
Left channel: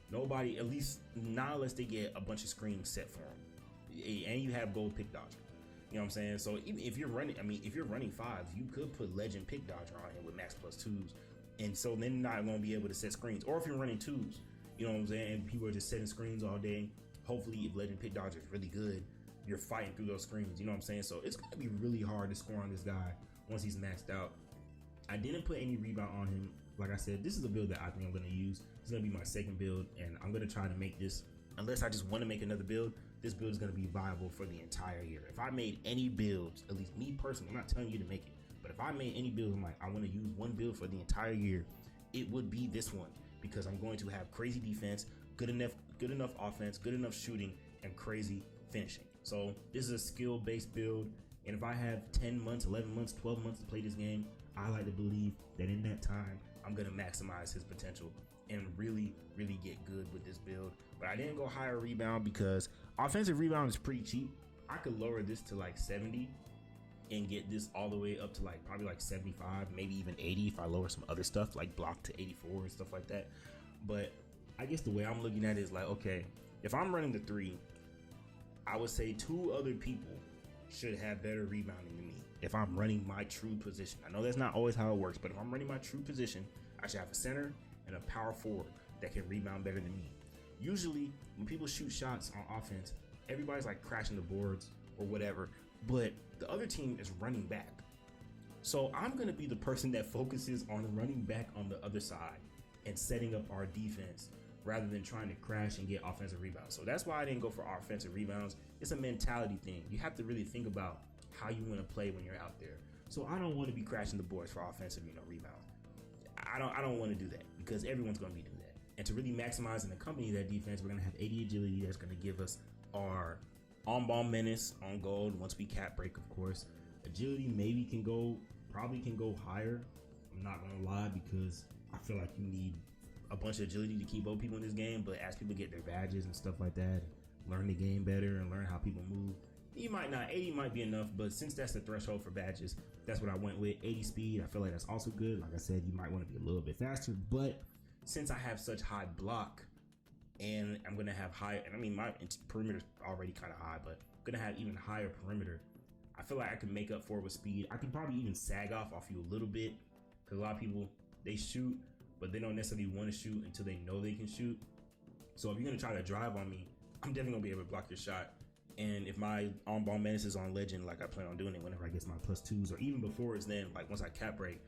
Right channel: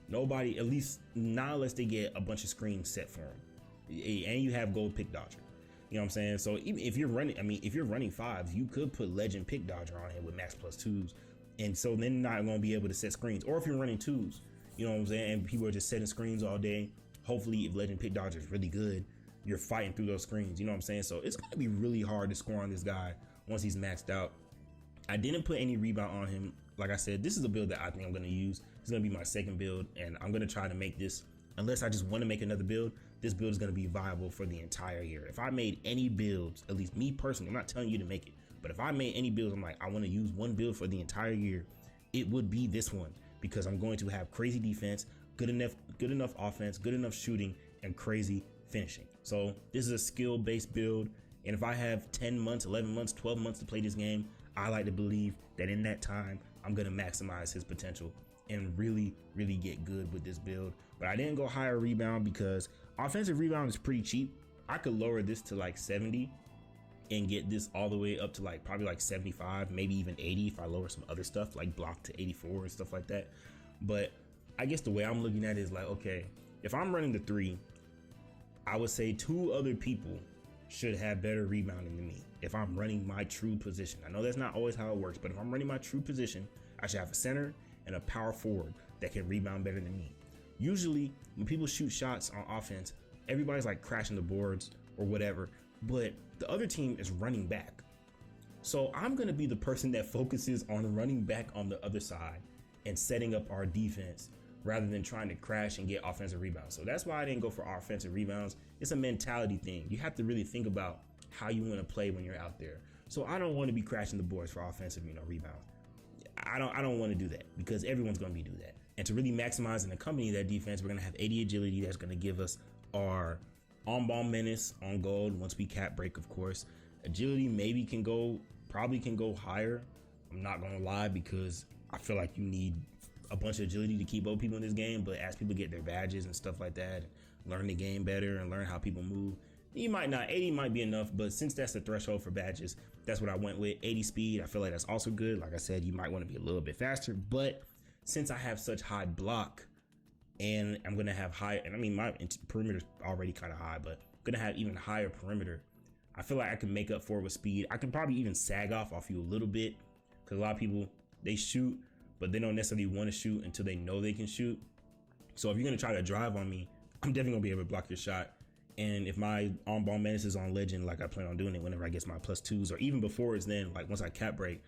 Nobody, at least not unless they get a bunch of screens set for them. And you have gold pick dodger. You know what I'm saying? So even if you're running fives, you could put legend pick dodger on him with max plus twos. And so then you're not gonna be able to set screens. Or if you're running twos, you know what I'm saying? And people are just setting screens all day. Hopefully if legend pick dodger is really good, you're fighting through those screens. You know what I'm saying? So it's gonna be really hard to score on this guy once he's maxed out. I didn't put any rebound on him. Like I said, this is a build that I think I'm gonna use. It's gonna be my second build, and I'm gonna try to make this, unless I just want to make another build, this build is gonna be viable for the entire year. If I made any builds, at least me personally, I'm not telling you to make it, but if I made any builds, I'm like, I want to use one build for the entire year, it would be this one, because I'm going to have crazy defense, good enough offense, good enough shooting, and crazy finishing. So this is a skill-based build, and if I have 10 months, 11 months, 12 months to play this game, I like to believe that in that time, I'm gonna maximize his potential and really, really get good with this build. But I didn't go higher rebound because offensive rebound is pretty cheap. I could lower this to like 70 and get this all the way up to like probably like 75, maybe even 80 if I lower some other stuff like block to 84 and stuff like that. But I guess the way I'm looking at it is like, okay, if I'm running the 3, I would say 2 other people should have better rebounding than me if I'm running my true position. I know that's not always how it works, but if I'm running my true position, I should have a center and a power forward that can rebound better than me. Usually when people shoot shots on offense, everybody's like crashing the boards or whatever, but the other team is running back. So I'm gonna be the person that focuses on running back on the other side and setting up our defense rather than trying to crash and get offensive rebounds. So that's why I didn't go for offensive rebounds. It's a mentality thing. You have to really think about how you want to play when you're out there. So I don't want to be crashing the boards for offensive, rebounds. I don't want to do that because everyone's going to be doing that. And to really maximize and accompany that defense, we're going to have 80 agility. That's going to give us our on-ball menace on gold once we cap break, of course. Agility probably can go higher. I'm not going to lie because I feel like you need a bunch of agility to keep both people in this game, but as people get their badges and stuff like that, learn the game better and learn how people move, you might not. 80 might be enough, but since that's the threshold for badges, that's what I went with. 80 speed, I feel like that's also good. Like I said, you might want to be a little bit faster, but since I have such high block and I'm going to have high, and I mean, my perimeter is already kind of high, but I'm going to have even higher perimeter. I feel like I can make up for it with speed. I can probably even sag off you a little bit because a lot of people, they shoot, but they don't necessarily want to shoot until they know they can shoot. So if you're going to try to drive on me, I'm definitely going to be able to block your shot. And if my on-ball menace is on legend, like I plan on doing it whenever I get my +2s, or even before it's then, like once I cap break,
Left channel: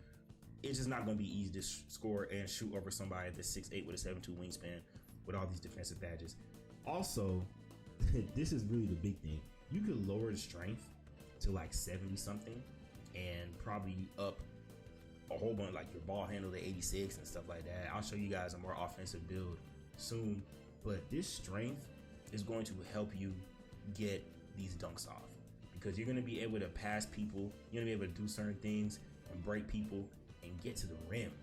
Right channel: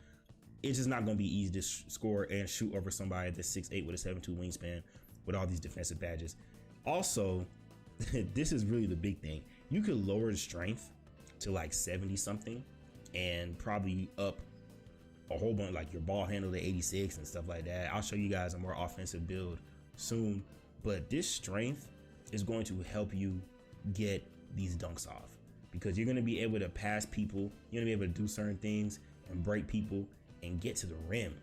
it's just not going to be easy to score and shoot over somebody that's 6'8" with a 7'2" wingspan with all these defensive badges. Also, this is really the big thing. You could lower the strength to like 70 something and probably up a whole bunch, like your ball handle to 86 and stuff like that. I'll show you guys a more offensive build soon, but this strength is going to help you get these dunks off because you're going to be able to pass people, you're going to be able to do certain things and break people and get to the rim,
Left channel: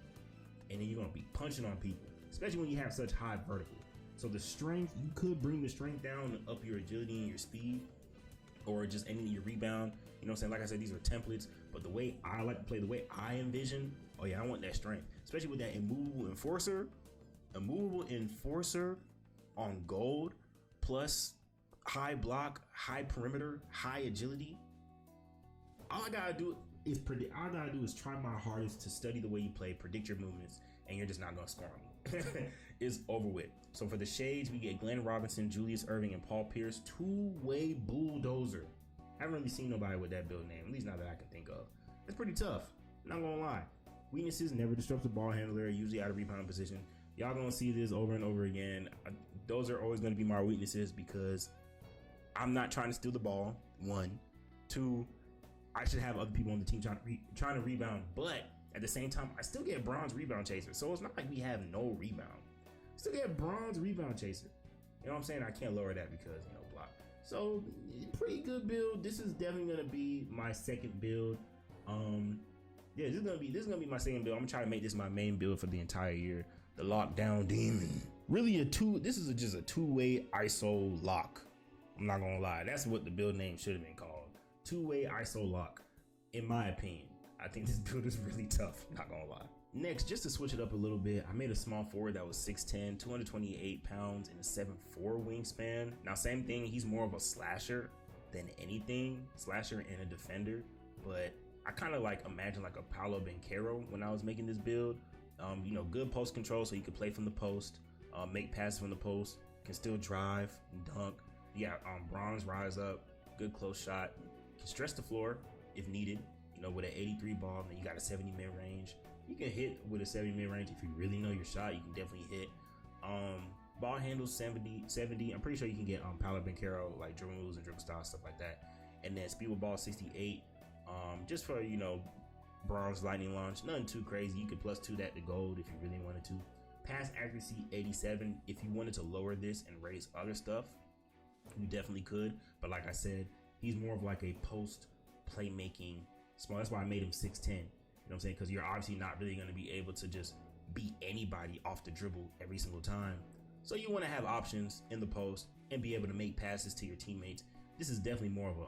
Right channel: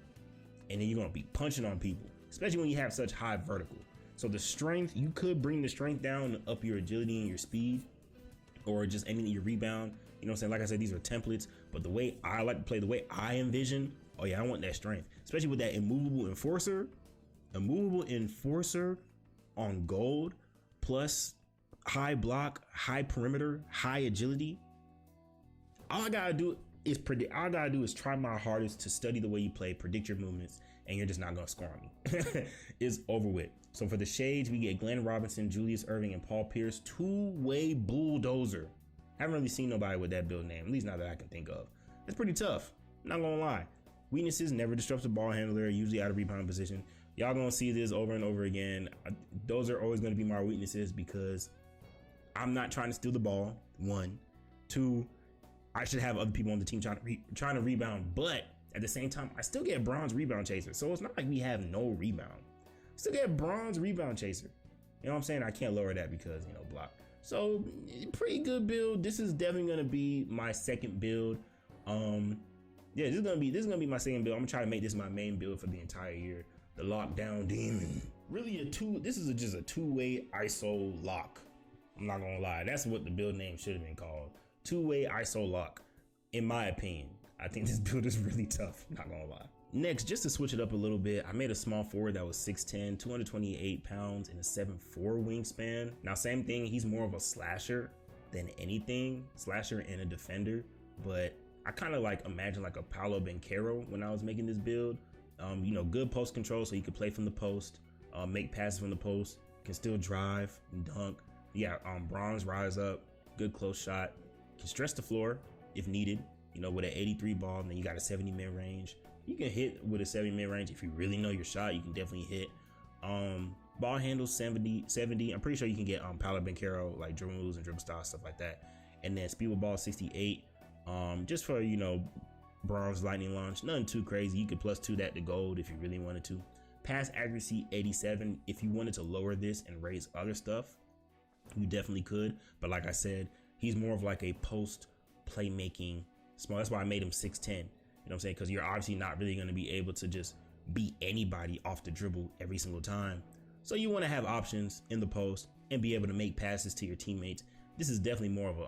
and then you're going to be punching on people, especially when you have such high vertical. So the strength, you could bring the strength down and up your agility and your speed, or just aiming at your rebound. You know what I'm saying? Like I said, these are templates, but the way I like to play, the way I envision, oh yeah, I want that strength, especially with that immovable enforcer on gold plus high block, high perimeter, high agility. All I gotta do is predict. All I gotta do is try my hardest to study the way you play, predict your movements, and you're just not gonna score on me. It's over with. So for the shades, we get Glenn Robinson, Julius Erving, and Paul Pierce, two-way bulldozer. Haven't really seen nobody with that build name, at least not that I can think of. It's pretty tough, not gonna lie. Weaknesses: never disrupts the ball handler, usually out of rebound position. Y'all gonna see this over and over again. Those are always gonna be my weaknesses because I'm not trying to steal the ball. 1, 2, I should have other people on the team trying to rebound, but at the same time, I still get bronze rebound chaser. So it's not like we have no rebound. Still get bronze rebound chaser. You know what I'm saying? I can't lower that because, you know, block. So pretty good build. This is definitely gonna be my second build. Yeah, this is gonna be my second build. I'm gonna try to make this my main build for the entire year. The lockdown demon. Really this is just a two-way ISO lock. I'm not gonna lie. That's what the build name should have been called. Two-way ISO lock, in my opinion. I think this build is really tough, not gonna lie. Next, just to switch it up a little bit, I made a small forward that was 6'10", 228 pounds, and a 7'4" wingspan. Now, same thing, he's more of a slasher than anything, slasher and a defender, but I kind of like imagine like a Paolo Banchero when I was making this build. You know, good post control, so he could play from the post, make passes from the post, can still drive and dunk. Yeah, bronze rise up, good close shot, can stretch the floor if needed. You know, with an 83 ball, and then you got a 70 mid range. You can hit with a 70 mid range if you really know your shot. You can definitely hit. Ball handle 70. I'm pretty sure you can get Paolo Banchero like dribble moves and dribble style, stuff like that. And then speed with ball 68. Just for, you know, bronze lightning launch, nothing too crazy. You could +2 that to gold if you really wanted to. Pass accuracy 87. If you wanted to lower this and raise other stuff, you definitely could. But like I said, he's more of like a post playmaking small. That's why I made him 6'10". You know what I'm saying? Because you're obviously not really going to be able to just beat anybody off the dribble every single time. So you want to have options in the post and be able to make passes to your teammates. This is definitely more of a,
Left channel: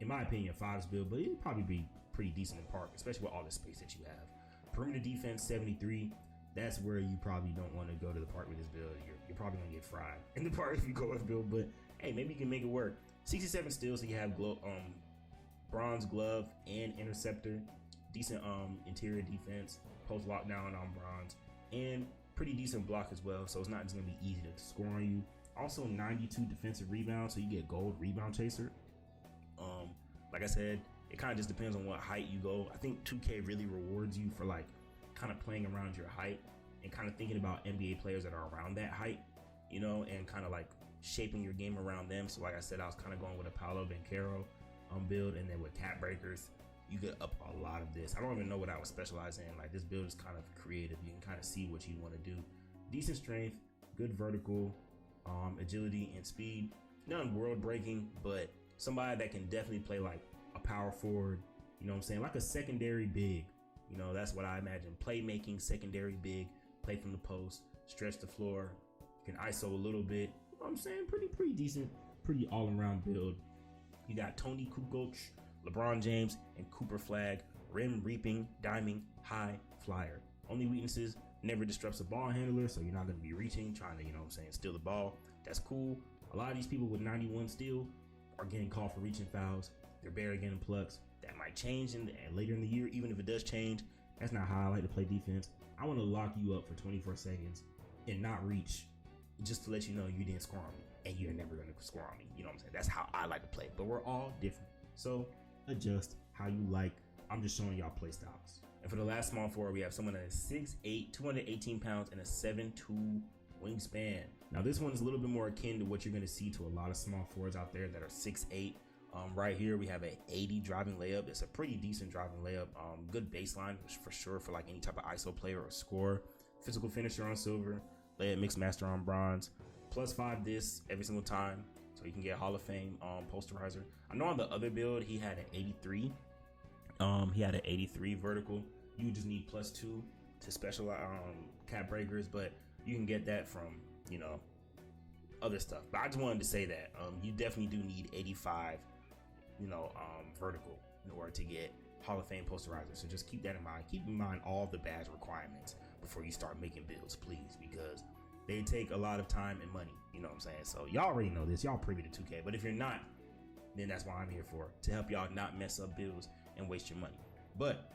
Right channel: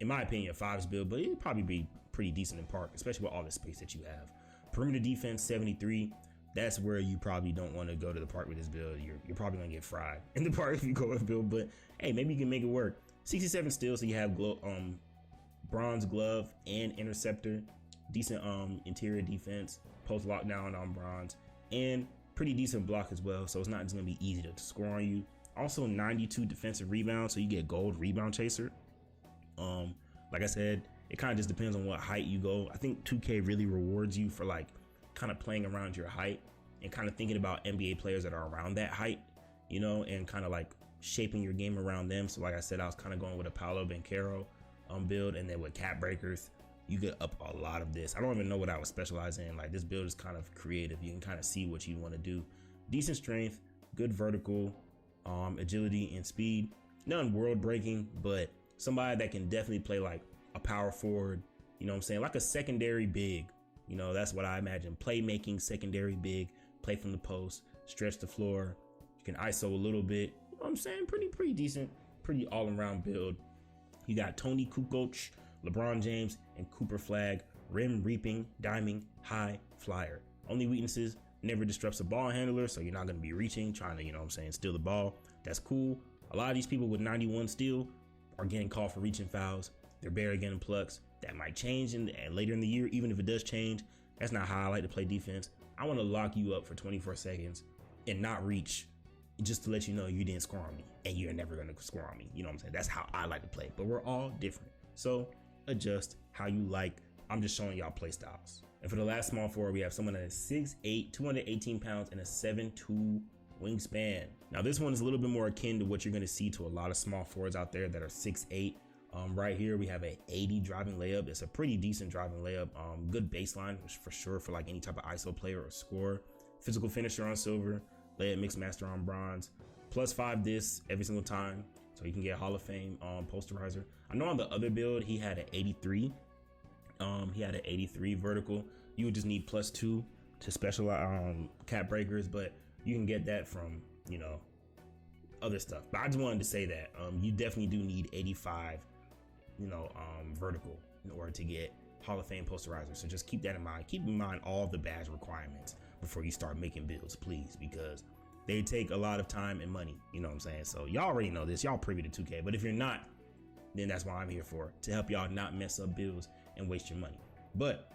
in my opinion, a fives build, but it'd probably be pretty decent in park, especially with all the space that you have. Perimeter defense 73. That's where you probably don't want to go to the park with this build. You're probably gonna get fried in the park if you go with the build, but hey, maybe you can make it work. 67 steals, so you have bronze glove and interceptor, decent interior defense, post lockdown on bronze, and pretty decent block as well. So it's not just gonna be easy to score on you. Also 92 defensive rebounds, so you get gold rebound chaser. Like I said, it kind of just depends on what height you go. I think 2K really rewards you for like kind of playing around your height and kind of thinking about NBA players that are around that height, you know, and kind of like shaping your game around them. So like I said, I was kind of going with a Paolo Banchero build, and then with cap breakers, you get up a lot of this. I don't even know what I would specialize in. Like, this build is kind of creative. You can kind of see what you want to do. Decent strength, good vertical, agility and speed. Nothing world breaking, but somebody that can definitely play like a power forward, you know what I'm saying? Like a secondary big, you know, that's what I imagine. Playmaking secondary big, play from the post, stretch the floor. You can ISO a little bit, you know what I'm saying? Pretty decent, pretty all around build. You got Tony Kukoc, LeBron James, and Cooper Flag, rim reaping, diming, high flyer. Only weaknesses: never disrupts a ball handler, so you're not going to be reaching, trying to, you know what I'm saying, steal the ball. That's cool. A lot of these people with 91 steal are getting called for reaching fouls. They're barely getting plucks. That might change later in the year. Even if it does change, that's not how I like to play defense. I want to lock you up for 24 seconds and not reach, just to let you know you didn't score on me and you're never going to score on me. You know what I'm saying? That's how I like to play, but we're all different. So adjust how you like. I'm just showing y'all play styles. And for the last small forward, we have someone that is 6'8", 218 pounds, and a 7'2" wingspan. Now this one is a little bit more akin to what you're going to see to a lot of small forwards out there that are 6'8". Right here we have a 80 driving layup. It's a pretty decent driving layup. Good baseline for sure for like any type of ISO player or scorer. Physical finisher on silver, layup mix master on bronze. +5 this every single time, so you can get Hall of Fame posterizer. I know on the other build he had an 83. He had an 83 vertical. You would just need +2 to specialize cap breakers, but you can get that from, you know, other stuff. But I just wanted to say that you definitely do need 85, you know, vertical in order to get Hall of Fame posterizer. So just keep that in mind. Keep in mind all the badge requirements before you start making builds, please, because they take a lot of time and money. You know what I'm saying? So y'all already know this. Y'all privy to 2K. But if you're not, then that's why I'm here for, to help y'all not mess up builds and waste your money. But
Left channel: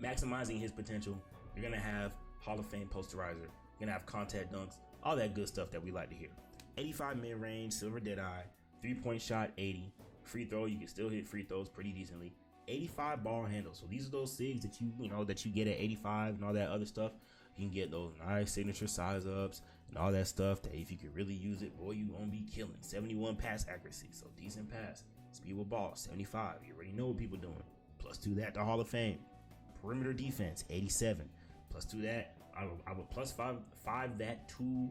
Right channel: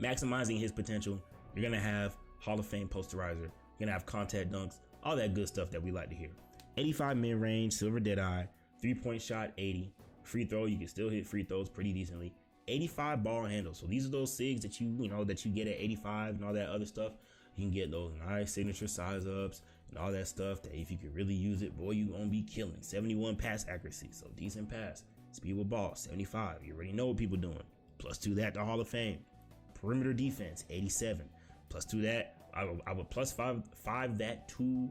maximizing his potential, you're gonna have Hall of Fame posterizer. You're gonna have contact dunks, all that good stuff that we like to hear. 85 mid range, silver dead eye, 3-point shot 80. Free throw, you can still hit free throws pretty decently. 85 ball handle. So these are those SIGs that that you get at 85 and all that other stuff. You can get those nice signature size ups and all that stuff that if you could really use it, boy, you gonna be killing. 71 pass accuracy, so decent pass. Speed with ball, 75. You already know what people doing. Plus 2 that to Hall of Fame. Perimeter defense, 87. Plus 2 that, I would plus 5 that to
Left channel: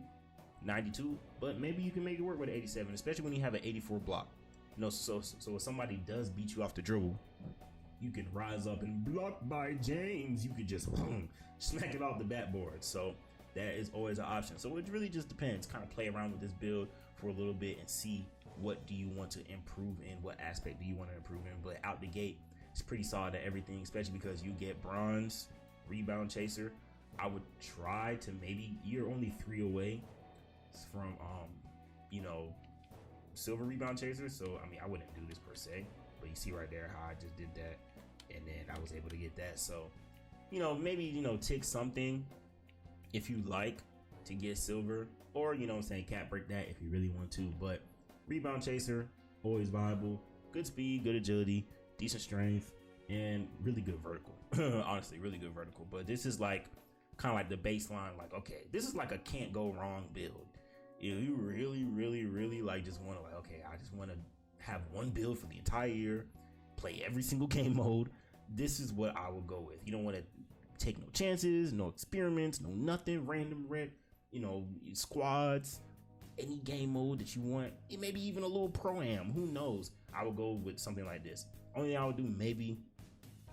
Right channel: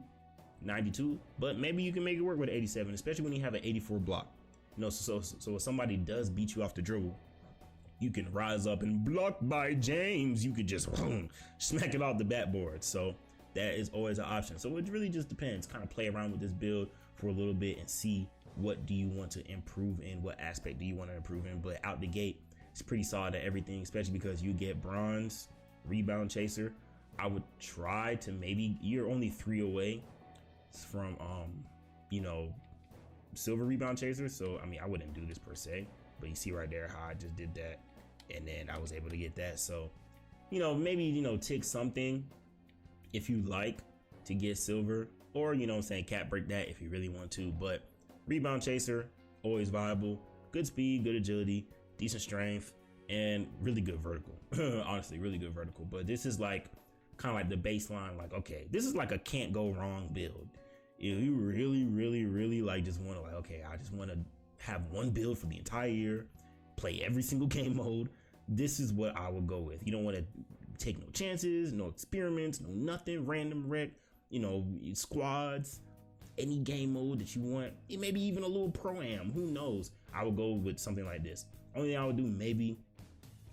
92. But maybe you can make it work with 87, especially when you have an 84 block. So if somebody does beat you off the dribble, you can rise up and block by James. You could just smack it off the backboard. So that is always an option. So it really just depends. Kind of play around with this build for a little bit and see what do you want to improve in, what aspect do you want to improve in. But out the gate, it's pretty solid at everything, especially because you get bronze, rebound chaser. I would try to you're only 3 away from silver rebound chaser. So I mean, I wouldn't do this per se, but you see right there how I just did that, and then I was able to get that. So maybe tick something if you like to get silver, or cap break that if you really want to. But rebound chaser, always viable. Good speed, good agility, decent strength, and really good vertical. Honestly, really good vertical. But this is like kind of like the baseline. Like, okay, this is like a can't go wrong build. If you really like just want to I just want to have one build for the entire year, play every single game mode, this is what I would go with. You don't want to take no chances, no experiments, no nothing, random wreck, squads, any game mode that you want, maybe even a little pro-am, who knows. I would go with something like this. Only thing I would do maybe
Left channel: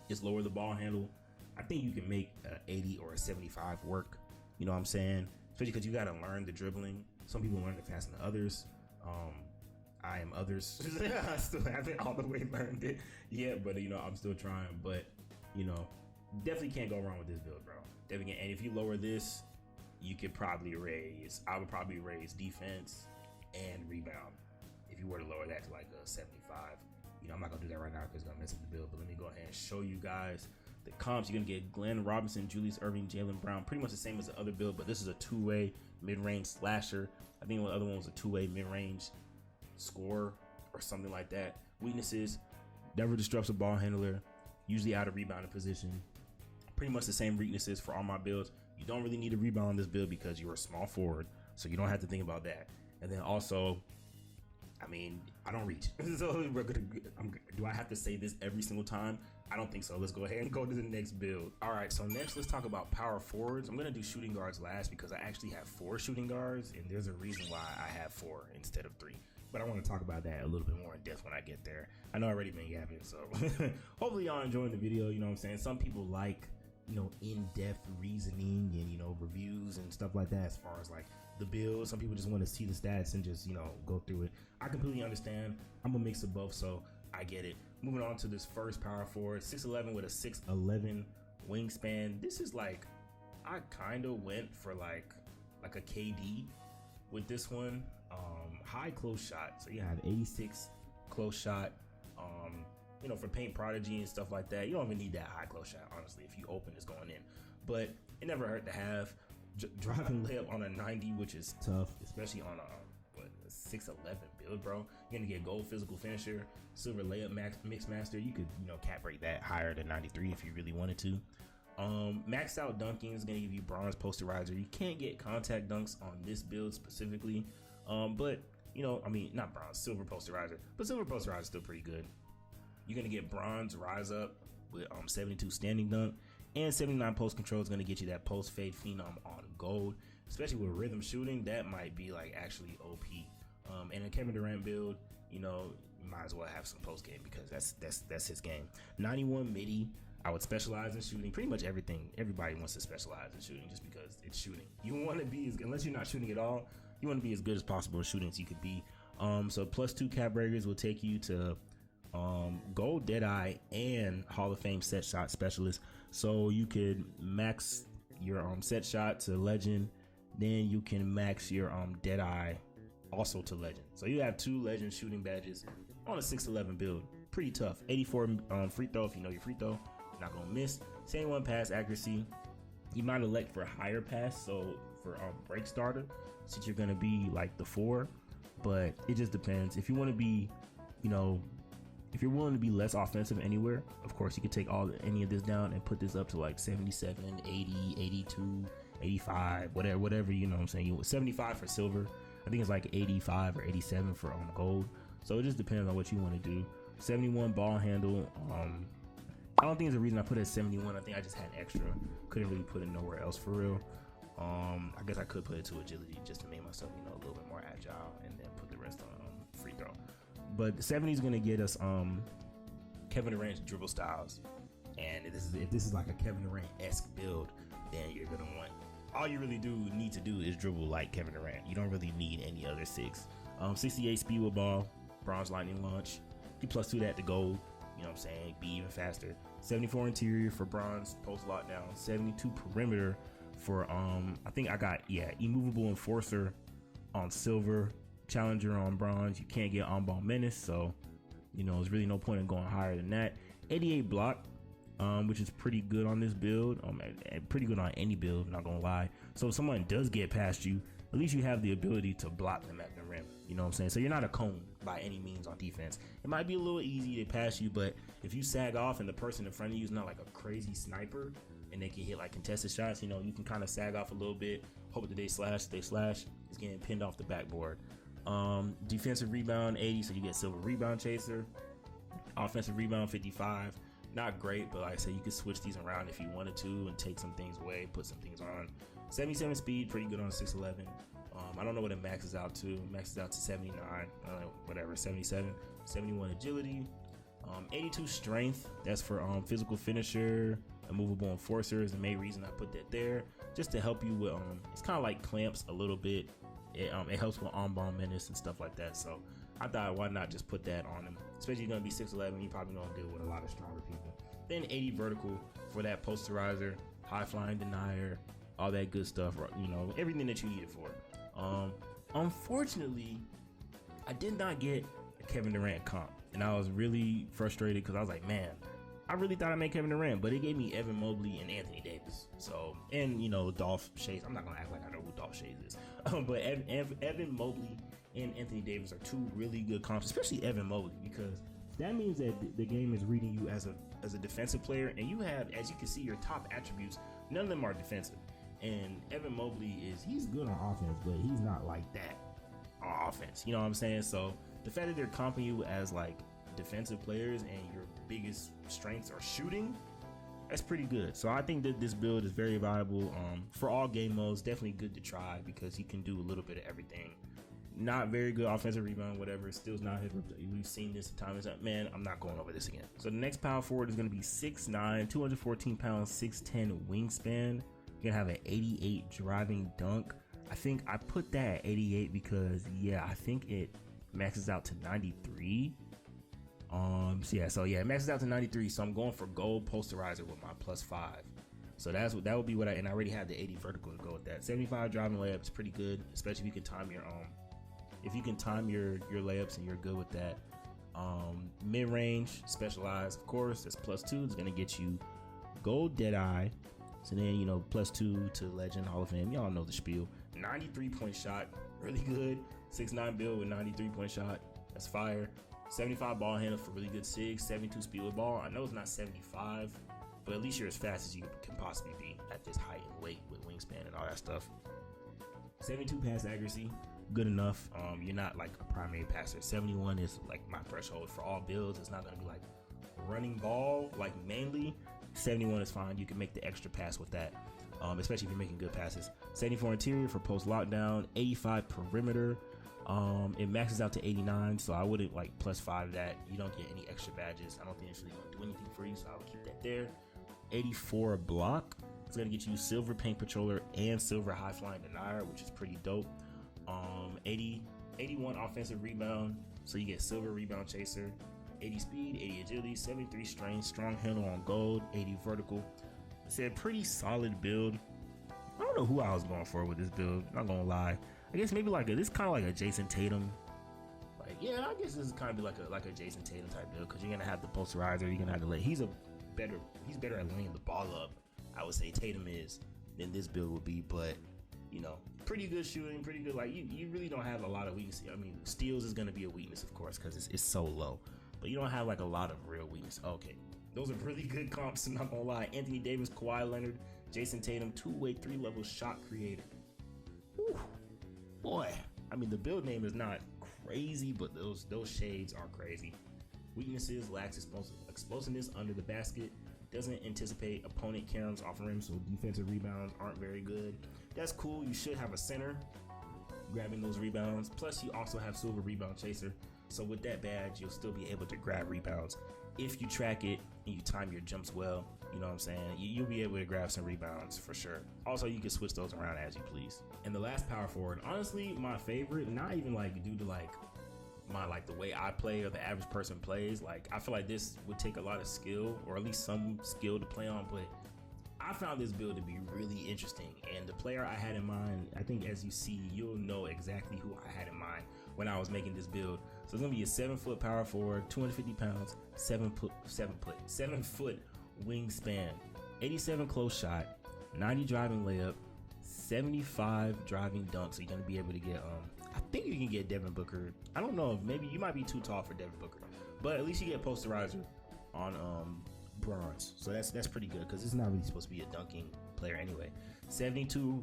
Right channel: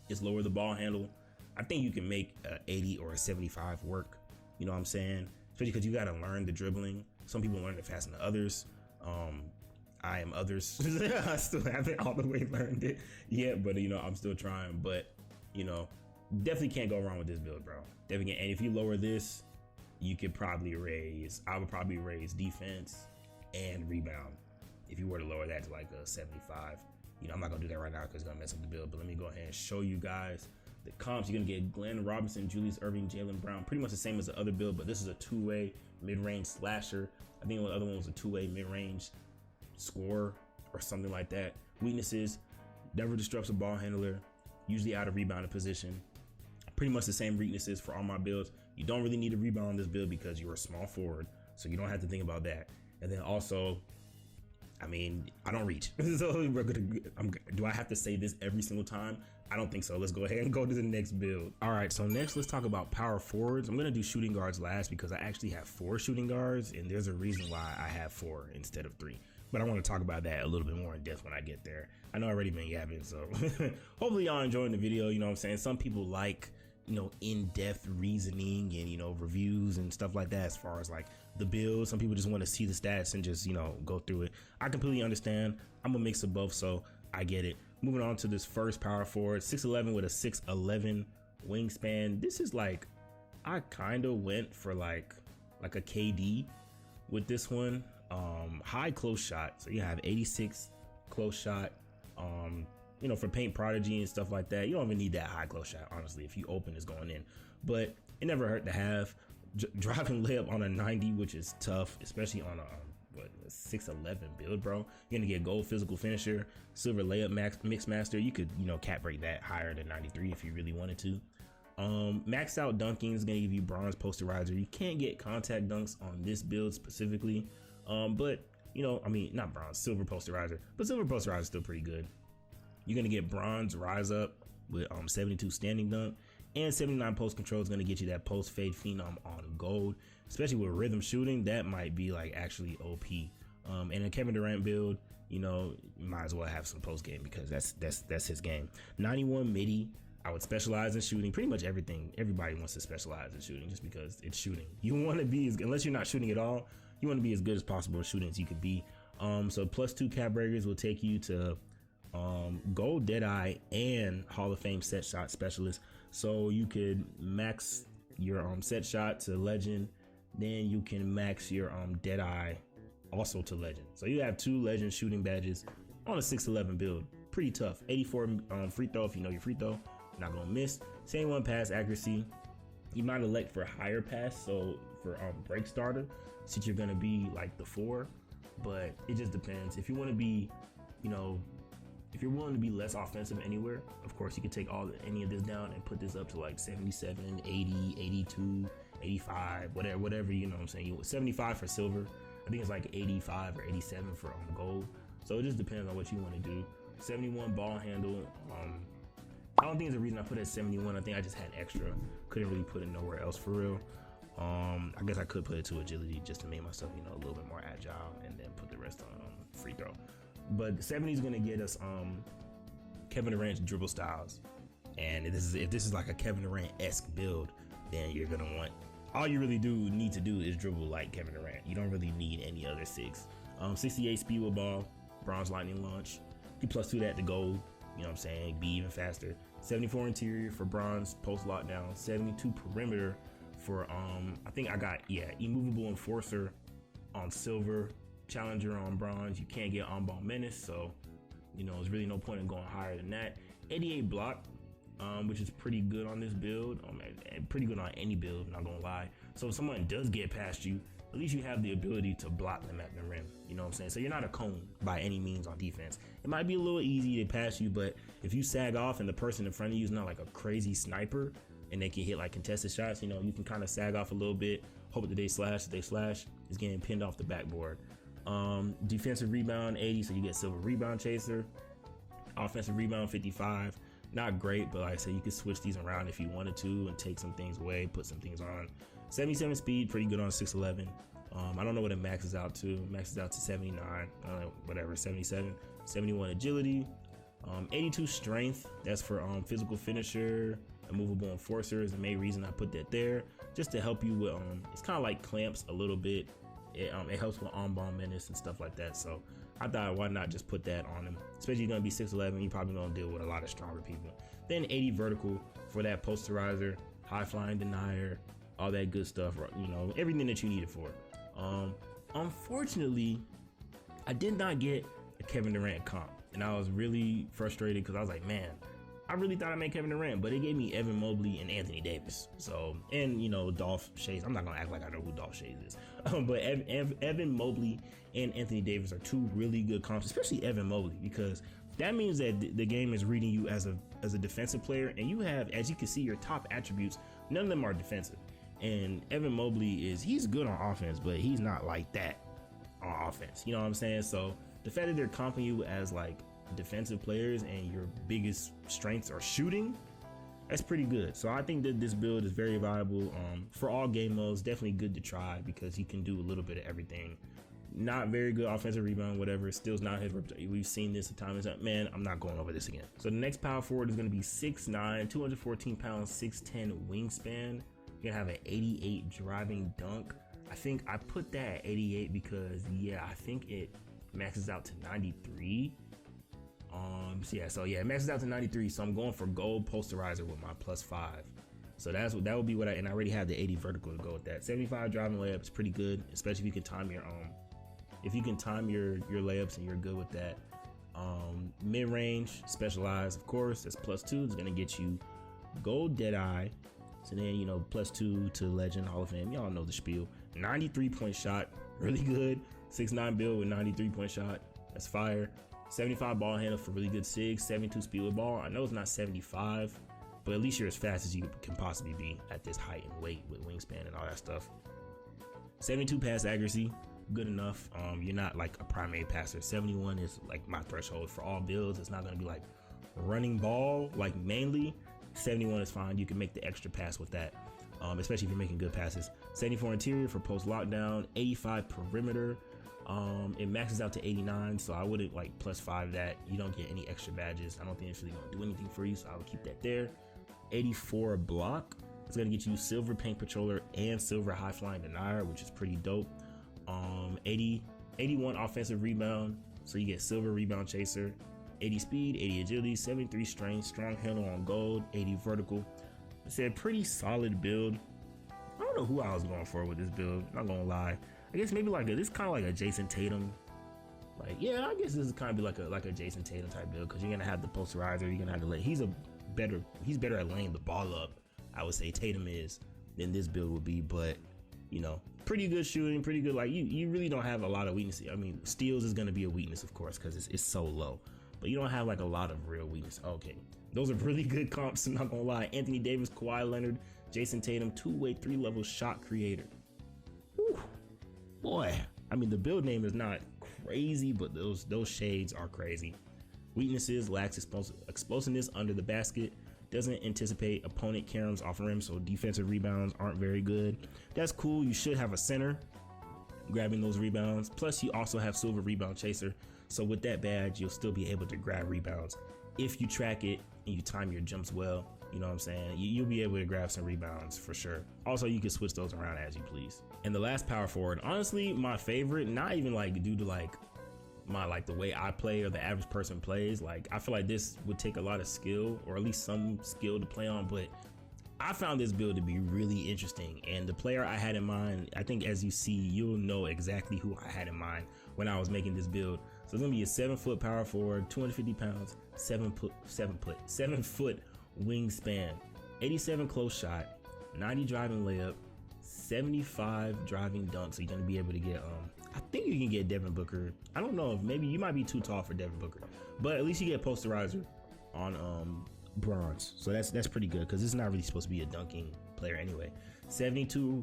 is lower the ball handle. I think you can make a 80 or a 75 work, you know what I'm saying? Especially because you got to learn the dribbling. Some people learn it faster than others. I am others. I still haven't all the way learned it yet, but I'm still trying. But definitely can't go wrong with this build, bro. Definitely. And if you lower this, you could probably I would probably raise defense and rebound if you were to lower that to like a 75. I'm not gonna do that right now because it's gonna mess up the build. But let me go ahead and show you guys the comps. You're gonna get Glenn Robinson, Julius Erving, Jaylen Brown, pretty much the same as the other build, but this is a 2-way mid-range slasher. I think the other one was a 2-way mid-range scorer or something like that. Weaknesses: never disrupts a ball handler, usually out of rebounding position. Pretty much the same weaknesses for all my builds. You don't really need a rebound on this build because you're a small forward, so you don't have to think about that. And then also, I mean, I don't reach. So do I have to say this every single time? I don't think so. Let's go ahead and go to the next build. All right, so next let's talk about power forwards. I'm gonna do shooting guards last because I actually have 4 shooting guards, and there's a reason why I have 4 instead of 3. But I want to talk about that a little bit more in depth when I get there. I know I've already been yapping, so hopefully y'all enjoying the video. You know what I'm saying? Some people like in-depth reasoning and reviews and stuff like that as far as like the build. Some people just want to see the stats and just go through it. I completely understand. I'm a mix of both, so I get it. Moving on to this first power forward, 6'11 with a 6'11 wingspan. This is like, I kind of went for like a KD with this one. High close shot, so you have 86 close shot. For paint prodigy and stuff like that, you don't even need that high close shot, honestly. If you open, it's going in. But it never hurt to have. Driving layup on a 90, which is tough, especially on a 6'11 build, bro. You're gonna get gold physical finisher, silver layup mix master. You could cap rate that higher than 93 if you really wanted to. Maxed out dunking is gonna give you bronze posterizer. You can't get contact dunks on this build specifically, but not bronze, silver posterizer. But silver posterizer is still pretty good. You're gonna get bronze rise up with 72 standing dunk, and 79 post control is gonna get you that post fade phenom on gold. Especially with rhythm shooting, that might be like actually OP. And a Kevin Durant build, you might as well have some post game because that's his game. 91 midi. I would specialize in shooting. Pretty much everything. Everybody wants to specialize in shooting just because it's shooting. You want to be unless you're not shooting at all, you want to be as good as possible at shooting as you could be. So +2 cap breakers will take you to gold Deadeye and Hall of Fame set shot specialist. So you could max your set shot to legend, then you can max your Deadeye also to legend. So you have 2 legend shooting badges on a 6'11 build. Pretty tough. 84 free throw if you know your free throw, not gonna miss. 71 pass accuracy. You might elect for higher pass, so for break starter, since you're gonna be like the 4, but it just depends. If you want to be If you're willing to be less offensive anywhere, of course, you can take any of this down and put this up to like 77, 80, 82, 85, whatever, you know what I'm saying? You 75 for silver. I think it's like 85 or 87 for gold. So it just depends on what you want to do. 71 ball handle. I don't think there's a reason I put it at 71. I think I just had extra. Couldn't really put it nowhere else for real. I guess I could put it to agility just to make myself, a little bit more agile, and then put the rest on free throw. But the 70 is gonna get us Kevin Durant's dribble styles, and if this is like a Kevin Durant-esque build, then you're gonna want, all you really need to do is dribble like Kevin Durant. You don't really need any other 6. 68 speed with ball, bronze lightning launch. You +2 that to gold. You know what I'm saying? Be even faster. 74 interior for bronze, post lockdown. 72 perimeter for I think I got immovable enforcer on silver, challenger on bronze. You can't get on ball menace, so there's really no point in going higher than that. 88 block, which is pretty good on this build, and pretty good on any build, not gonna lie. So if someone does get past you, at least you have the ability to block them at the rim. You know what I'm saying? So you're not a cone by any means on defense. It might be a little easy to pass you, but if you sag off and the person in front of you is not like a crazy sniper and they can hit like contested shots, you can kind of sag off a little bit, hope that they slash. If they slash, it's getting pinned off the backboard. Defensive rebound 80, so you get silver rebound chaser. Offensive rebound 55. Not great, but like I said, you could switch these around if you wanted to and take some things away, put some things on. 77 speed, pretty good on 6'11". I don't know what it maxes out to. Maxes out to 79, whatever, 77. 71 agility. 82 strength. That's for physical finisher. Immovable enforcer is the main reason I put that there, just to help you with it's kind of like clamps a little bit. It helps with on-ball menace and stuff like that. So I thought, why not just put that on him? Especially you're gonna be 6'11", you're probably gonna deal with a lot of stronger people. Then 80 vertical for that posterizer, high flying denier, all that good stuff. Everything that you need it for. Unfortunately, I did not get a Kevin Durant comp, and I was really frustrated because I was like, man, I really thought I made Kevin Durant, but it gave me Evan Mobley and Anthony Davis. So, and Dolph Schayes. I'm not gonna act like I know who Dolph Schayes is, but Evan Mobley and Anthony Davis are 2 really good comps, especially Evan Mobley, because that means that the game is reading you as a defensive player, and you have, as you can see, your top attributes. None of them are defensive, and Evan Mobley he's good on offense, but he's not like that on offense. You know what I'm saying? So the fact that they're comping you as like defensive players and your biggest strengths are shooting, that's pretty good. So I think that this build is very viable for all game modes. Definitely good to try because he can do a little bit of everything. Not very good offensive rebound, whatever. Still's not his. We've seen this a time. Man, I'm not going over this again. So the next power forward is going to be 6'9", 214 pounds, 6'10" wingspan. You're gonna have an 88 driving dunk. I think I put that at 88 because I think it maxes out to 93. It maxes out to 93. So I'm going for gold posterizer with my +5. So that would be what I already have the 80 vertical to go with that. 75 driving layup is pretty good, especially if you can time your layups and you're good with that. Mid-range, specialized, of course, that's +2. It's gonna get you gold Deadeye. So then +2 to Legend Hall of Fame. Y'all know the spiel. 93-point shot, really good. 6'9" build with 93-point shot. That's fire. 75 ball handle for really good SIG. 72 speed with ball. I know it's not 75, but at least you're as fast as you can possibly be at this height and weight with wingspan and all that stuff. 72 pass accuracy, good enough. You're not like a primary passer. 71 is like my threshold for all builds. It's not gonna be like running ball, like mainly. 71 is fine. You can make the extra pass with that, especially if you're making good passes. 74 interior for post lockdown. 85 perimeter. It maxes out to 89, so I wouldn't like +5 that. You don't get any extra badges. I don't think it's really gonna do anything for you, so I would keep that there. 84 block. It's gonna get you silver paint patroller and silver high flying denier, which is pretty dope. 81 offensive rebound, so you get silver rebound chaser. 80 speed, 80 agility, 73 strength, strong handle on gold, 80 vertical. It's a pretty solid build. I don't know who I was going for with this build, not gonna lie. I guess maybe this kind of like a Jayson Tatum. I guess this is kind of be like a Jayson Tatum type build, because you're gonna have the posterizer. You're gonna have to he's better at laying the ball up, I would say Tatum is, than this build would be. But pretty good shooting, pretty good. You really don't have a lot of weaknesses. I mean, steals is gonna be a weakness, of course, because it's so low. but you don't have like a lot of real weakness. Okay, those are really good comps, I'm not gonna lie. Anthony Davis, Kawhi Leonard, Jayson Tatum, two-way, three-level shot creator. Whew. Boy, I mean, the build name is not crazy, but those shades are crazy. Weaknesses: lacks explosiveness under the basket, doesn't anticipate opponent caroms off rim, so defensive rebounds aren't very good. That's cool. You should have a center grabbing those rebounds. Plus, you also have silver rebound chaser. So with that badge, you'll still be able to grab rebounds if you track it and you time your jumps well. You know what I'm saying? You'll be able to grab some rebounds for sure. Also, you can switch those around as you please. And the last power forward, honestly, my favorite, not even like due to like the way I play or the average person plays. Like, I feel like this would take a lot of skill, or at least some skill to play on, but I found this build to be really interesting. And the player I had in mind, I think as you see, you'll know exactly who I had in mind when I was making this build. So it's gonna be a 7-foot power forward, 250 pounds, 7 foot wingspan, 87 close shot, 90 driving layup, 75 driving dunk. So you're gonna be able to get I think you can get Devin Booker. I don't know, if maybe you might be too tall for Devin Booker, but at least you get posterizer on bronze. So that's pretty good, because it's not really supposed to be a dunking player anyway. 72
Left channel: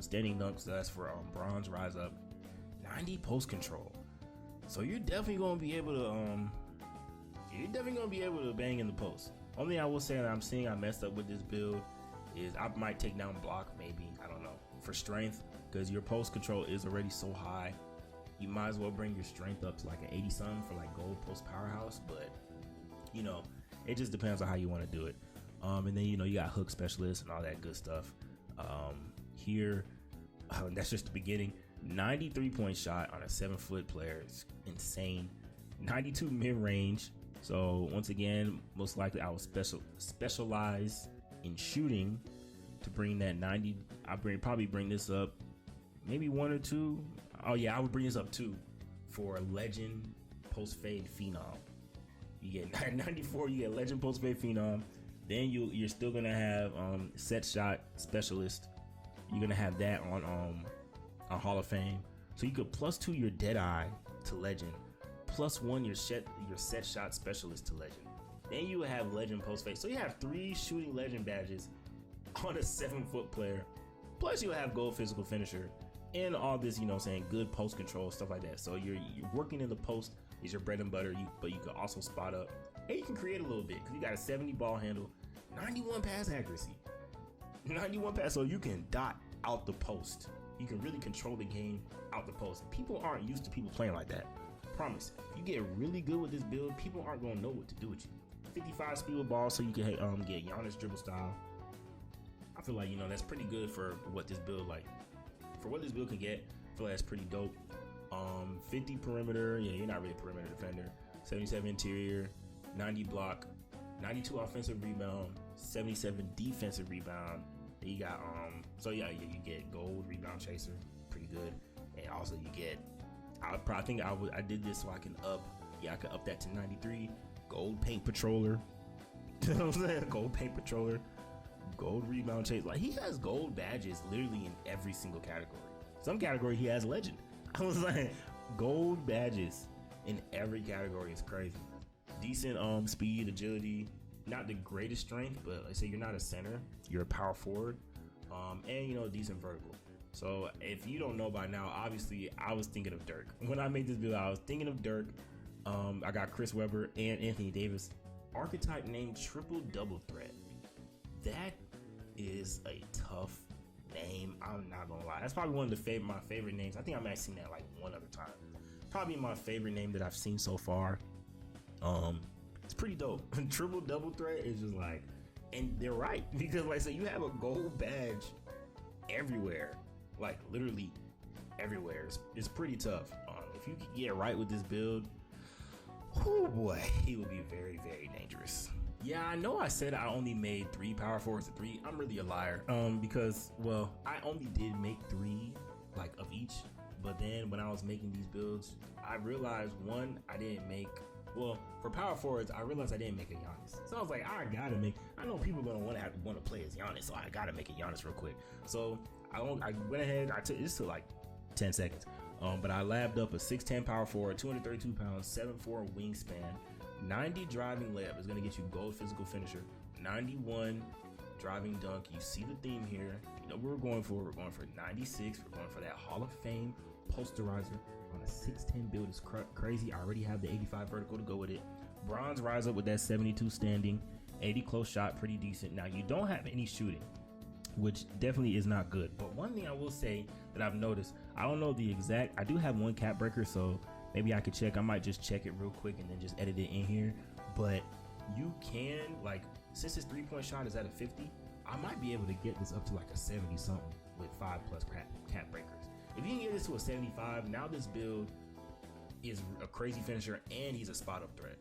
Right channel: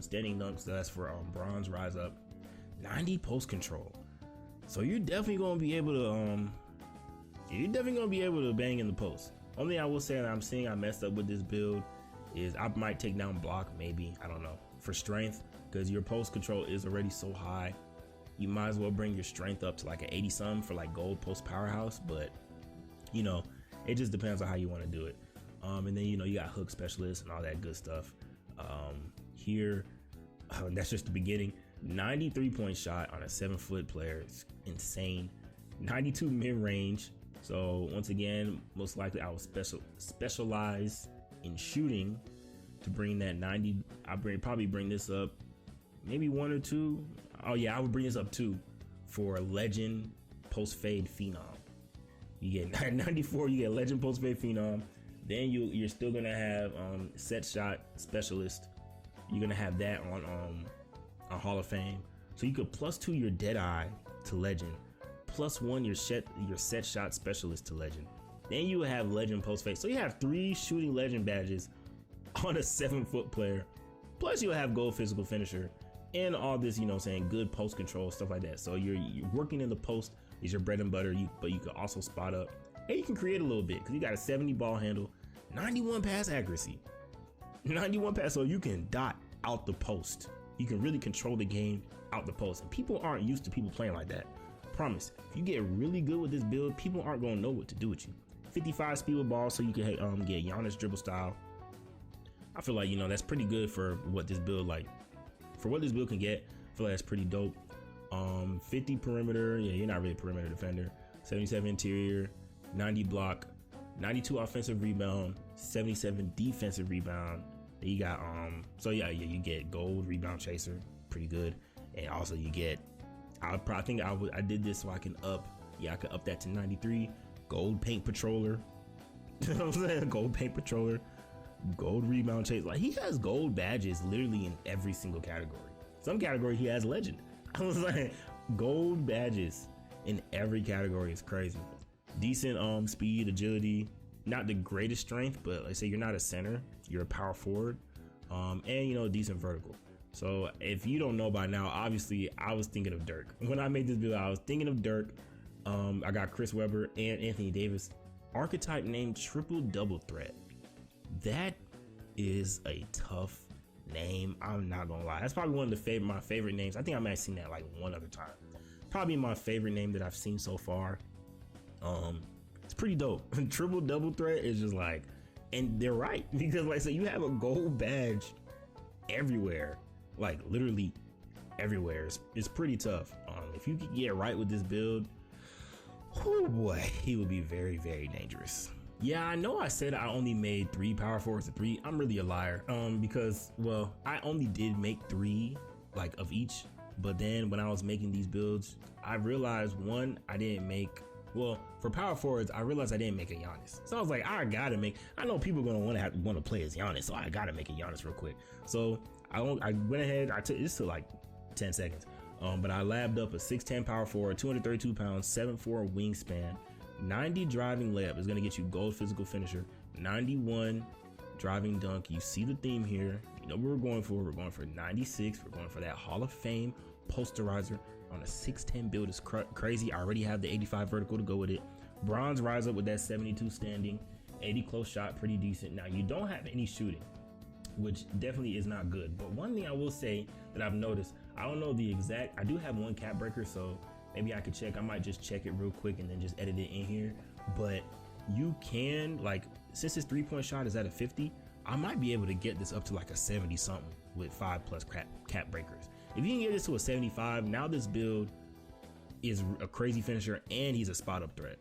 standing dunks, so that's for bronze rise up. 90 post control. So you're definitely gonna be able to bang in the post. Only thing I will say that I'm seeing I messed up with this build is I might take down block, maybe, I don't know, for strength, because your post control is already so high. You might as well bring your strength up to like an 80 something for like gold post powerhouse, but you know, it just depends on how you want to do it. And then, you know, you got hook specialists and all that good stuff. Here, that's just the beginning. 93-point shot on a 7-foot player. It's insane. 92 mid-range. So once again, most likely I will specialize in shooting to bring that 90. Probably bring this up maybe 1 or 2. Oh yeah, I would bring this up 2 for legend post fade phenom. You get 94, you get legend post fade phenom. Then you're still gonna have set shot specialist. You're gonna have that on Hall of Fame. So you could +2 your dead eye to legend, +1 your set shot specialist to legend. Then you have legend post fade. So you have 3 shooting legend badges on a 7-foot player. Plus you have gold physical finisher and all this, you know, saying good post control, stuff like that. So you're working in the post is your bread and butter. But you can also spot up, and you can create a little bit because you got a 70 ball handle, 91 pass accuracy, 91 pass. So you can dot out the post. You can really control the game out the post. And people aren't used to people playing like that. Promise. If you get really good with this build, people aren't gonna know what to do with you. 55 speed with ball, so you can get Giannis dribble style. I feel like, you know, that's pretty good for what this build can get. I feel like that's pretty dope. 50 perimeter. Yeah, you're not really a perimeter defender. 77 interior, 90 block, 92 offensive rebound, 77 defensive rebound. Then you got so yeah, you get gold rebound chaser, pretty good. And also you get, I did this so I can up that to 93. Gold paint patroller. You know what I'm saying? Gold paint patroller, gold rebound chaser. Like, he has gold badges literally in every single category. Some category he has legend. I was like, gold badges in every category is crazy. Decent speed, agility, not the greatest strength, but let's say you're not a center, you're a power forward, and you know, decent vertical. So if you don't know by now, obviously I was thinking of Dirk. When I made this video, I was thinking of Dirk. I got Chris Webber and Anthony Davis. Archetype named triple double threat. That is a tough name. I'm not gonna lie. That's probably one of my favorite names. I think I might have seen that like one other time. Probably my favorite name that I've seen so far. It's pretty dope. Triple double threat is just like, and they're right, because like I said, you have a gold badge everywhere, like literally everywhere. It's pretty tough. If you could get right with this build, oh boy, he will be very, very dangerous. Yeah, I know I said I only made 3 power forwards to 3. I'm really a liar. Because, well, I only did make 3 like of each, but then when I was making these builds, I realized one, I didn't make, well, for power forwards, I realized I didn't make a Giannis. So I was like, I know people are gonna want to play as Giannis, so I gotta make a Giannis real quick. So I went ahead, this took like 10 seconds. But I labbed up a 6'10 power forward, 232 pounds, 7'4 wingspan, 90 driving layup is going to get you gold physical finisher. 91 driving dunk. You see the theme here. You know what we're going for. We're going for 96. We're going for that Hall of Fame posterizer on a 6'10 build. Is crazy. I already have the 85 vertical to go with it. Bronze rise up with that 72 standing. 80 close shot, pretty decent. Now you don't have any shooting, which definitely is not good. But one thing I will say that I've noticed, I don't know the exact, I do have one cap breaker, so maybe I could check. I might just check it real quick and then just edit it in here. But you can, like, since this 3-point shot is at a 50, I might be able to get this up to like a 70 something with 5+ cap breakers. If you can get this to a 75, now this build is a crazy finisher and he's a spot up threat.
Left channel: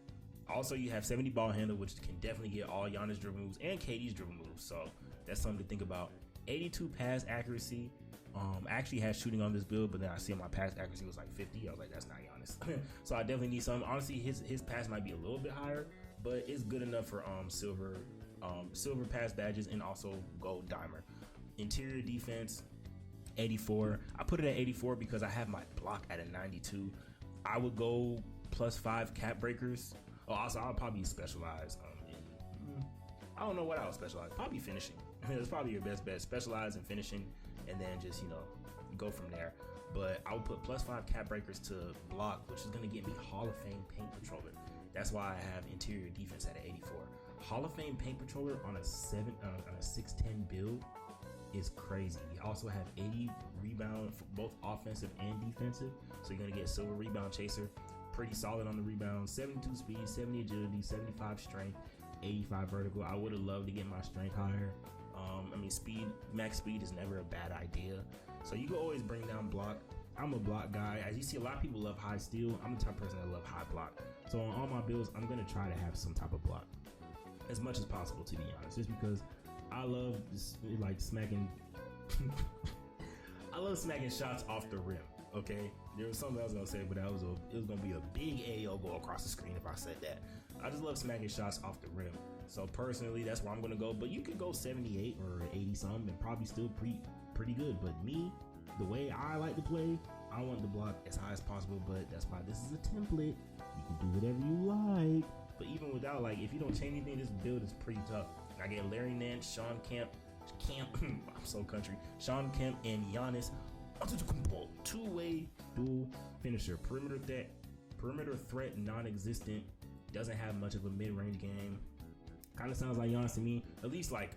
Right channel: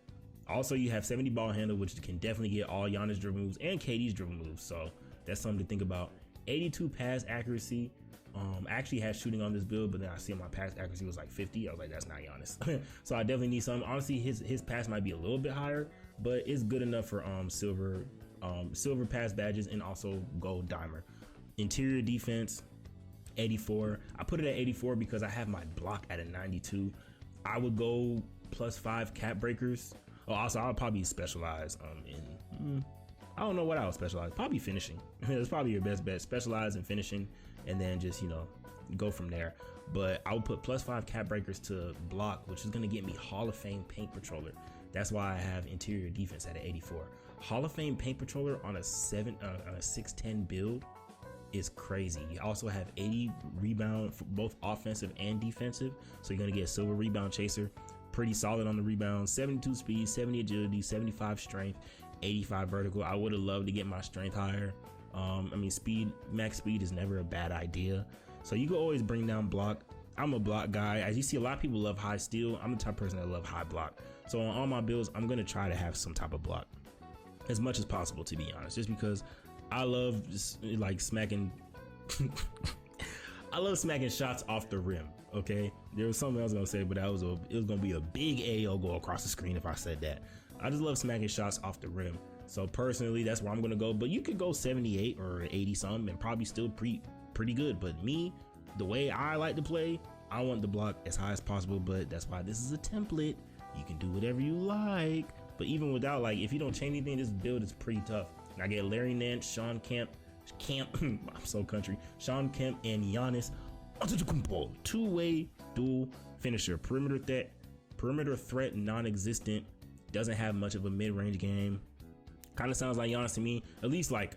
Also, you have 70 ball handle, which can definitely get all Giannis dribble moves and KD's dribble moves. So that's something to think about. 82 pass accuracy. I actually had shooting on this build, but then I see my pass accuracy was like 50. I was like, that's not Giannis. So I definitely need some. Honestly, his pass might be a little bit higher, but it's good enough for silver pass badges and also gold dimer. Interior defense, 84. I put it at 84 because I have my block at a 92. I would go +5 cap breakers. Oh, also, I'll probably specialize in, I don't know what I would specialize. Probably finishing. It's probably your best bet. Specialize in finishing and then just, you know, go from there. But I would put +5 cap breakers to block, which is going to get me Hall of Fame paint patroller. That's why I have interior defense at an 84. Hall of Fame paint patroller on a 6'10 build is crazy. You also have 80 rebound for both offensive and defensive. So you're going to get silver rebound chaser. Pretty solid on the rebound. 72 speed, 70 agility, 75 strength, 85 vertical. I would have loved to get my strength higher. I mean, max speed is never a bad idea. So you can always bring down block. I'm a block guy. As you see, a lot of people love high steal. I'm the type of person that love high block. So on all my builds, I'm going to try to have some type of block as much as possible, to be honest, just because I love just like smacking. I love smacking shots off the rim. Okay, there was something I was gonna say, but it was gonna be a big AO go across the screen if I said that. I just love smacking shots off the rim. So personally, that's where I'm gonna go. But you could go 78 or 80 something and probably still pretty good. But me, the way I like to play, I want the block as high as possible. But that's why this is a template. You can do whatever you like. But even without, like, if you don't change anything, this build is pretty tough. And I get Larry Nance, Sean Kemp, I'm so country. Sean Kemp and Giannis. Two-way dual finisher. Perimeter threat non-existent. Doesn't have much of a mid-range game. Kind of sounds like Giannis to me. At least like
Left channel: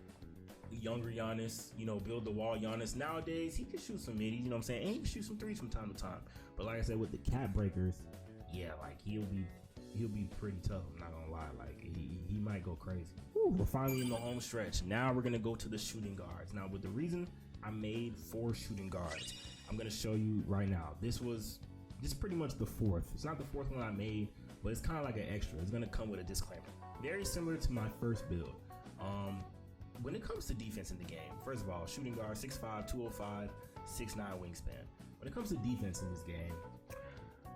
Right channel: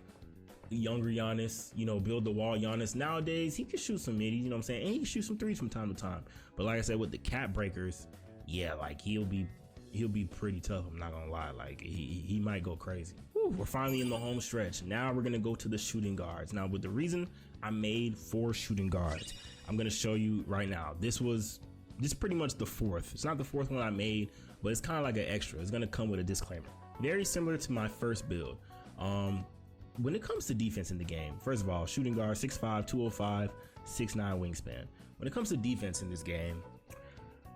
younger Giannis, you know, build the wall Giannis. Nowadays, he can shoot some middies, you know what I'm saying? And he can shoot some threes from time to time. But like I said, with the cap breakers, yeah, like he'll be pretty tough. I'm not gonna lie. Like he might go crazy. Whew, we're finally in the home stretch. Now we're gonna go to the shooting guards. Now, with the reason I made 4 shooting guards, I'm gonna show you right now. This is pretty much the 4th. It's not the 4th one I made, but it's kind of like an extra. It's gonna come with a disclaimer. Very similar to my first build. When it comes to defense in the game, first of all, shooting guard 6'5", 205, 6'9" wingspan. When it comes to defense in this game,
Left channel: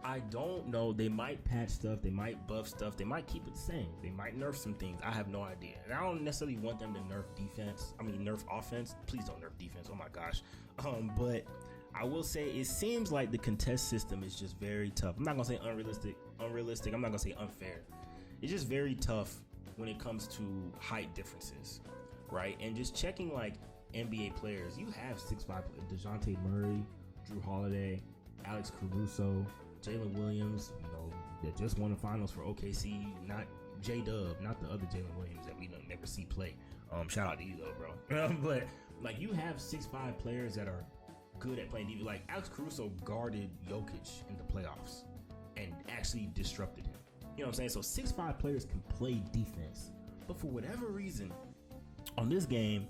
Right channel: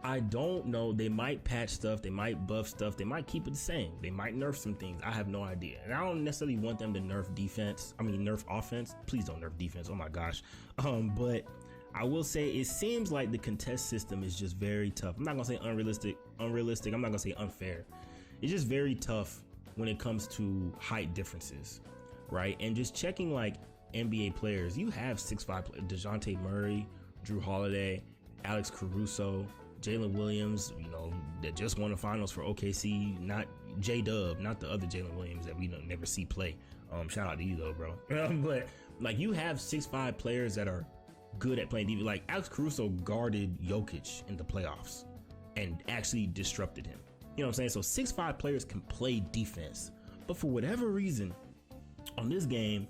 I don't know. They might patch stuff, they might buff stuff, they might keep it the same, they might nerf some things. I have no idea. And I don't necessarily want them to nerf nerf offense. Please don't nerf defense. Oh my gosh. But I will say it seems like the contest system is just very tough. I'm not gonna say unrealistic. I'm not gonna say unfair. It's just very tough when it comes to height differences, right? And just checking like NBA players, you have 6'5" players: DeJounte Murray, Drew Holiday, Alex Caruso, Jalen Williams, you know, that just won the finals for OKC, not J-Dub, not the other Jalen Williams that we never see play. Shout out to you though, bro. But like, you have 6'5" players that are good at playing defense. Like Alex Caruso guarded Jokic in the playoffs and actually disrupted him. You know what I'm saying? So 6'5" players can play defense. But for whatever reason, on this game,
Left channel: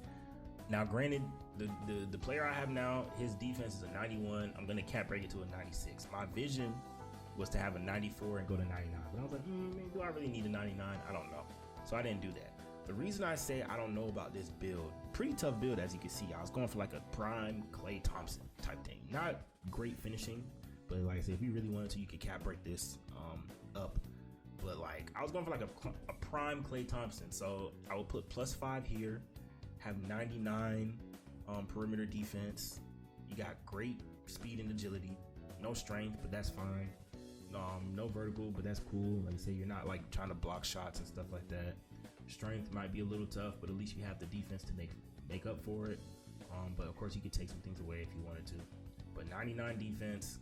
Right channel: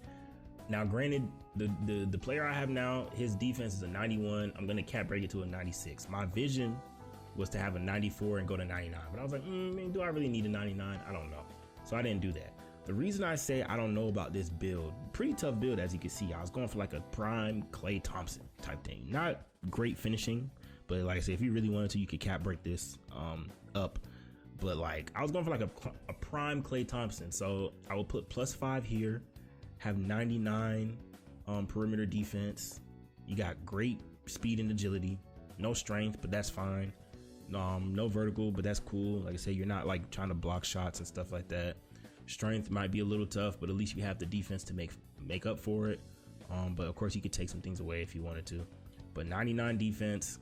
now granted, the player I have now, his defense is a 91. I'm gonna cap break it to a 96. My vision was to have a 94 and go to 99. But I was like, man, do I really need a 99? I don't know. So I didn't do that. The reason I say I don't know about this build, pretty tough build as you can see. I was going for like a prime Klay Thompson type thing. Not great finishing, but like I said, if you really wanted to, you could cap break this up. But like, I was going for like a prime Klay Thompson. So I will put +5 here, have 99 perimeter defense. You got great speed and agility, no strength, but that's fine. No vertical, but that's cool. Like I said, you're not like trying to block shots and stuff like that. Strength might be a little tough, but at least you have the defense to make up for it. But of course, you could take some things away if you wanted to. But 99 defense,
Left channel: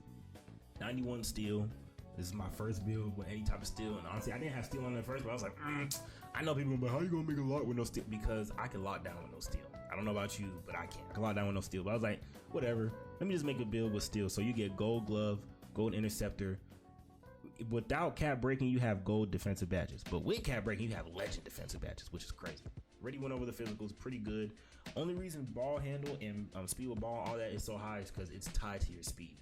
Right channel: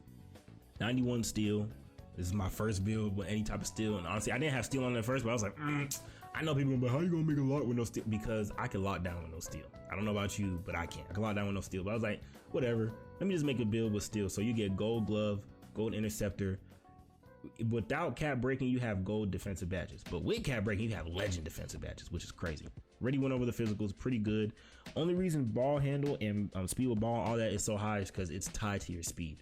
91 steal. This is my first build with any type of steal, and honestly, I didn't have steal on that first, but I was like, I know people, but how you gonna make a lock with no steal? Because I can lock down with no steal. I don't know about you, but I can lock down with no steal. But I was like, whatever. Let me just make a build with steal. So you get gold glove, gold interceptor. Without cap breaking, you have gold defensive badges, but with cap breaking, you have legend defensive badges, which is crazy. Already went over the physicals, pretty good. Only reason ball handle and speed with ball, all that is so high is because it's tied to your speed.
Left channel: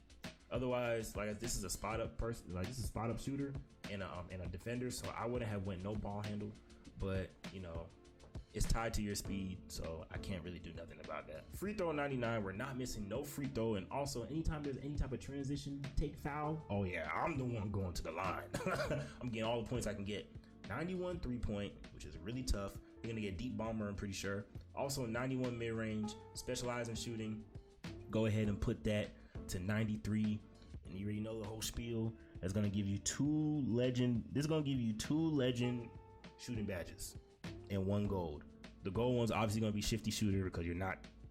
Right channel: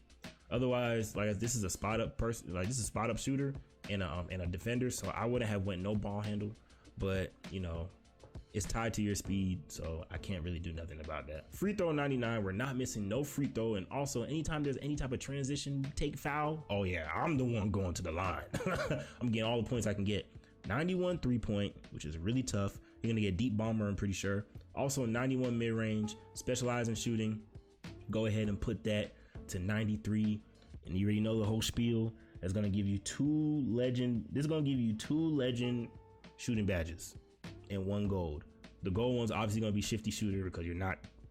Otherwise, like this is a spot up person, like this is a spot up shooter and a defender, so I wouldn't have went no ball handle, but you know, it's tied to your speed, so I can't really do nothing about that. Free throw 99, we're not missing no free throw, and also anytime there's any type of transition, take foul, oh yeah, I'm the one going to the line. I'm getting all the points I can get. 91 3-point, which is really tough. You're gonna get deep bomber, I'm pretty sure. Also 91 mid-range, specialize in shooting. Go ahead and put that to 93, and you already know the whole spiel. That's gonna give you two legend shooting badges and 1 gold. The gold one's obviously gonna be shifty shooter because you're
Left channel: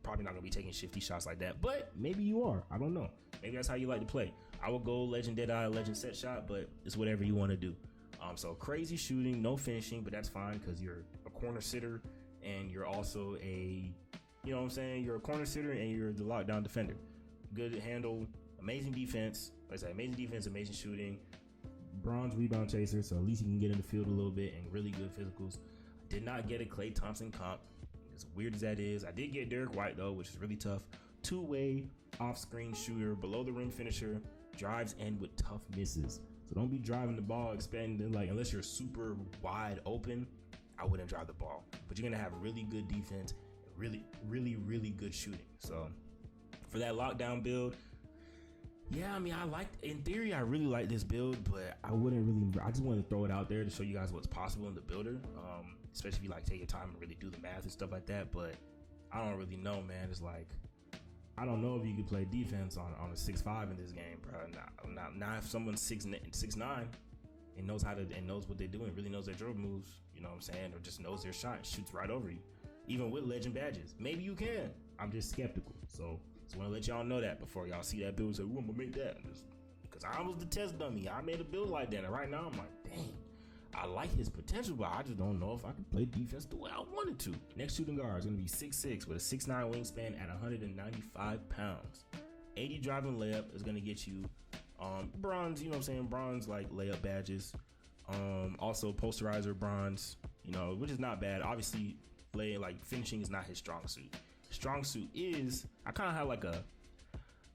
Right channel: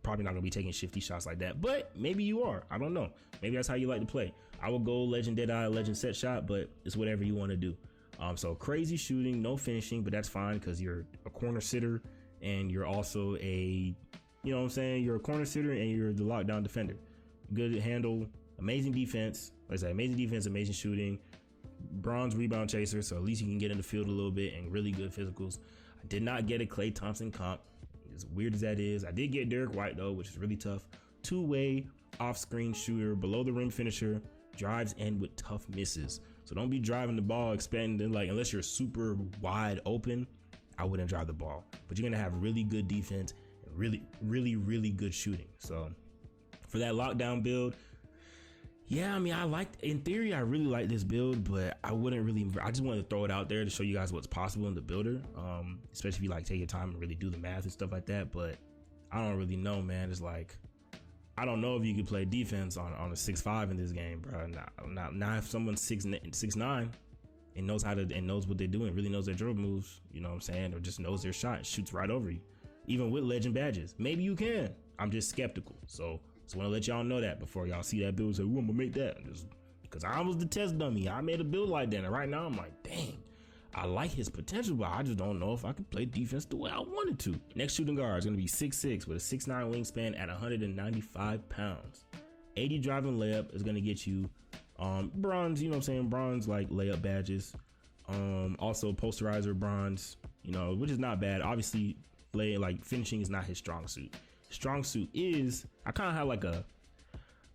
probably not gonna be taking shifty shots like that, but maybe you are. I don't know. Maybe that's how you like to play. I would go legend deadeye, legend set shot, but it's whatever you want to do. So crazy shooting, no finishing, but that's fine because you're a corner sitter and you're also a, you know what I'm saying? You're a corner sitter and you're the lockdown defender. Good handle, amazing defense. Like I said, amazing defense, amazing shooting, bronze rebound chaser, so at least you can get in the field a little bit, and really good physicals. I did not get a Klay Thompson comp, as weird as that is. I did get Dirk White though, which is really tough. Two-way off-screen shooter, below the rim finisher, drives in with tough misses. So don't be driving the ball expecting, like, unless you're super wide open, I wouldn't drive the ball. But you're gonna have really good defense and really good shooting. So for that lockdown build, yeah, I mean, in theory, I really like this build, but I just wanted to throw it out there to show you guys what's possible in the builder, especially if you like take your time and really do the math and stuff like that. But I don't really know, man. It's like, I don't know if you can play defense on a 6'5" in this game, bro. Not if someone's 6'9" and knows what they're doing, really knows their dribble moves, you know what I'm saying, or just knows their shot, shoots right over you, even with legend badges. Maybe you can. I'm just skeptical. So just want to let y'all know that before y'all see that build and say, "Ooh, I'm gonna make that," because I was the test dummy. I made a build like that, and right now I'm like, dang, I like his potential, but I just don't know if I can play defense the way I wanted to. Next shooting guard is gonna be 6'6" with a 6'9" wingspan at 195 pounds. 80 driving layup is gonna get you bronze, you know what I'm saying, bronze like layup badges. Also posterizer bronze, you know, which is not bad. Obviously, finishing is not his strong suit. Strong suit is, I kind of have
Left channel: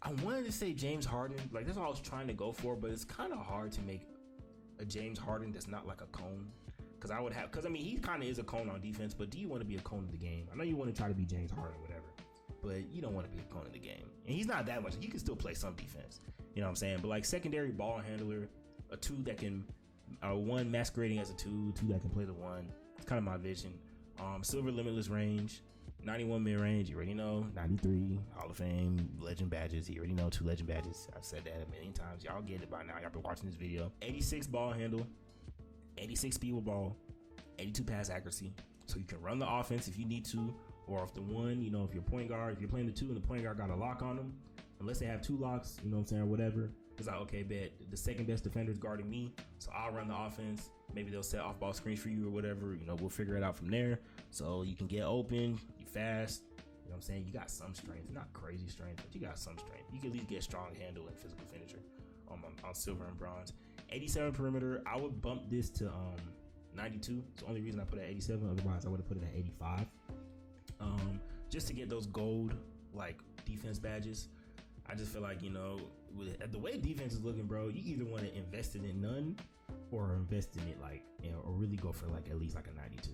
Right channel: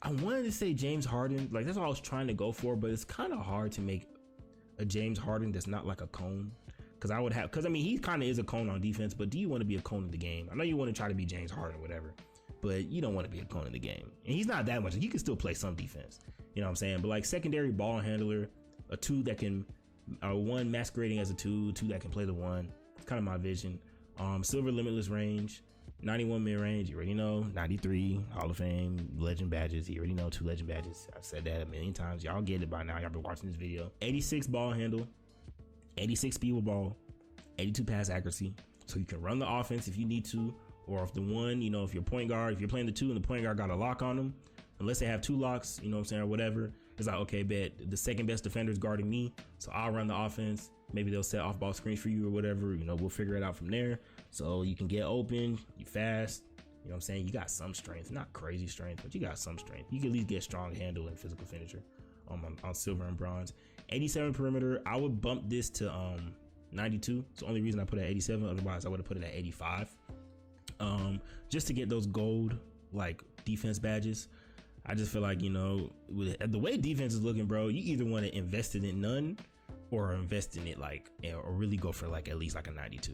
I wanted to say James Harden, like that's what I was trying to go for, but it's kind of hard to make a James Harden that's not like a cone, because I mean, he kind of is a cone on defense, but do you want to be a cone in the game? I know you want to try to be James Harden or whatever, but you don't want to be a cone in the game, and he's not that much. He can still play some defense, you know what I'm saying, but like secondary ball handler, a 2 that can 1 masquerading as a 2 that can play the 1. It's kind of my vision. Silver limitless range, 91 mid-range, you already know. 93 Hall of Fame legend badges, you already know. 2 legend badges. I've said that a million times. Y'all get it by now. Y'all been watching this video. 86 ball handle, 86 speed with ball, 82 pass accuracy, so you can run the offense if you need to, or if the one, you know, if you're point guard, if you're playing the 2 and the point guard got a lock on them, unless they have 2 locks, you know what I'm saying, or whatever, it's like, okay, bet the second best defender is guarding me, so I'll run the offense. Maybe they'll set off ball screens for you or whatever, you know, we'll figure it out from there. So you can get open, you fast, you know what I'm saying, you got some strength, not crazy strength, but you got some strength. You can at least get strong handle and physical finisher on silver and bronze. 87 perimeter, I would bump this to 92. It's the only reason I put it at 87, otherwise I would have put it at 85. Just to get those gold like defense badges. I just feel like, you know, with the way defense is looking, bro, you either want to invest in it none or invest in it like, or really go for like at least like a 92.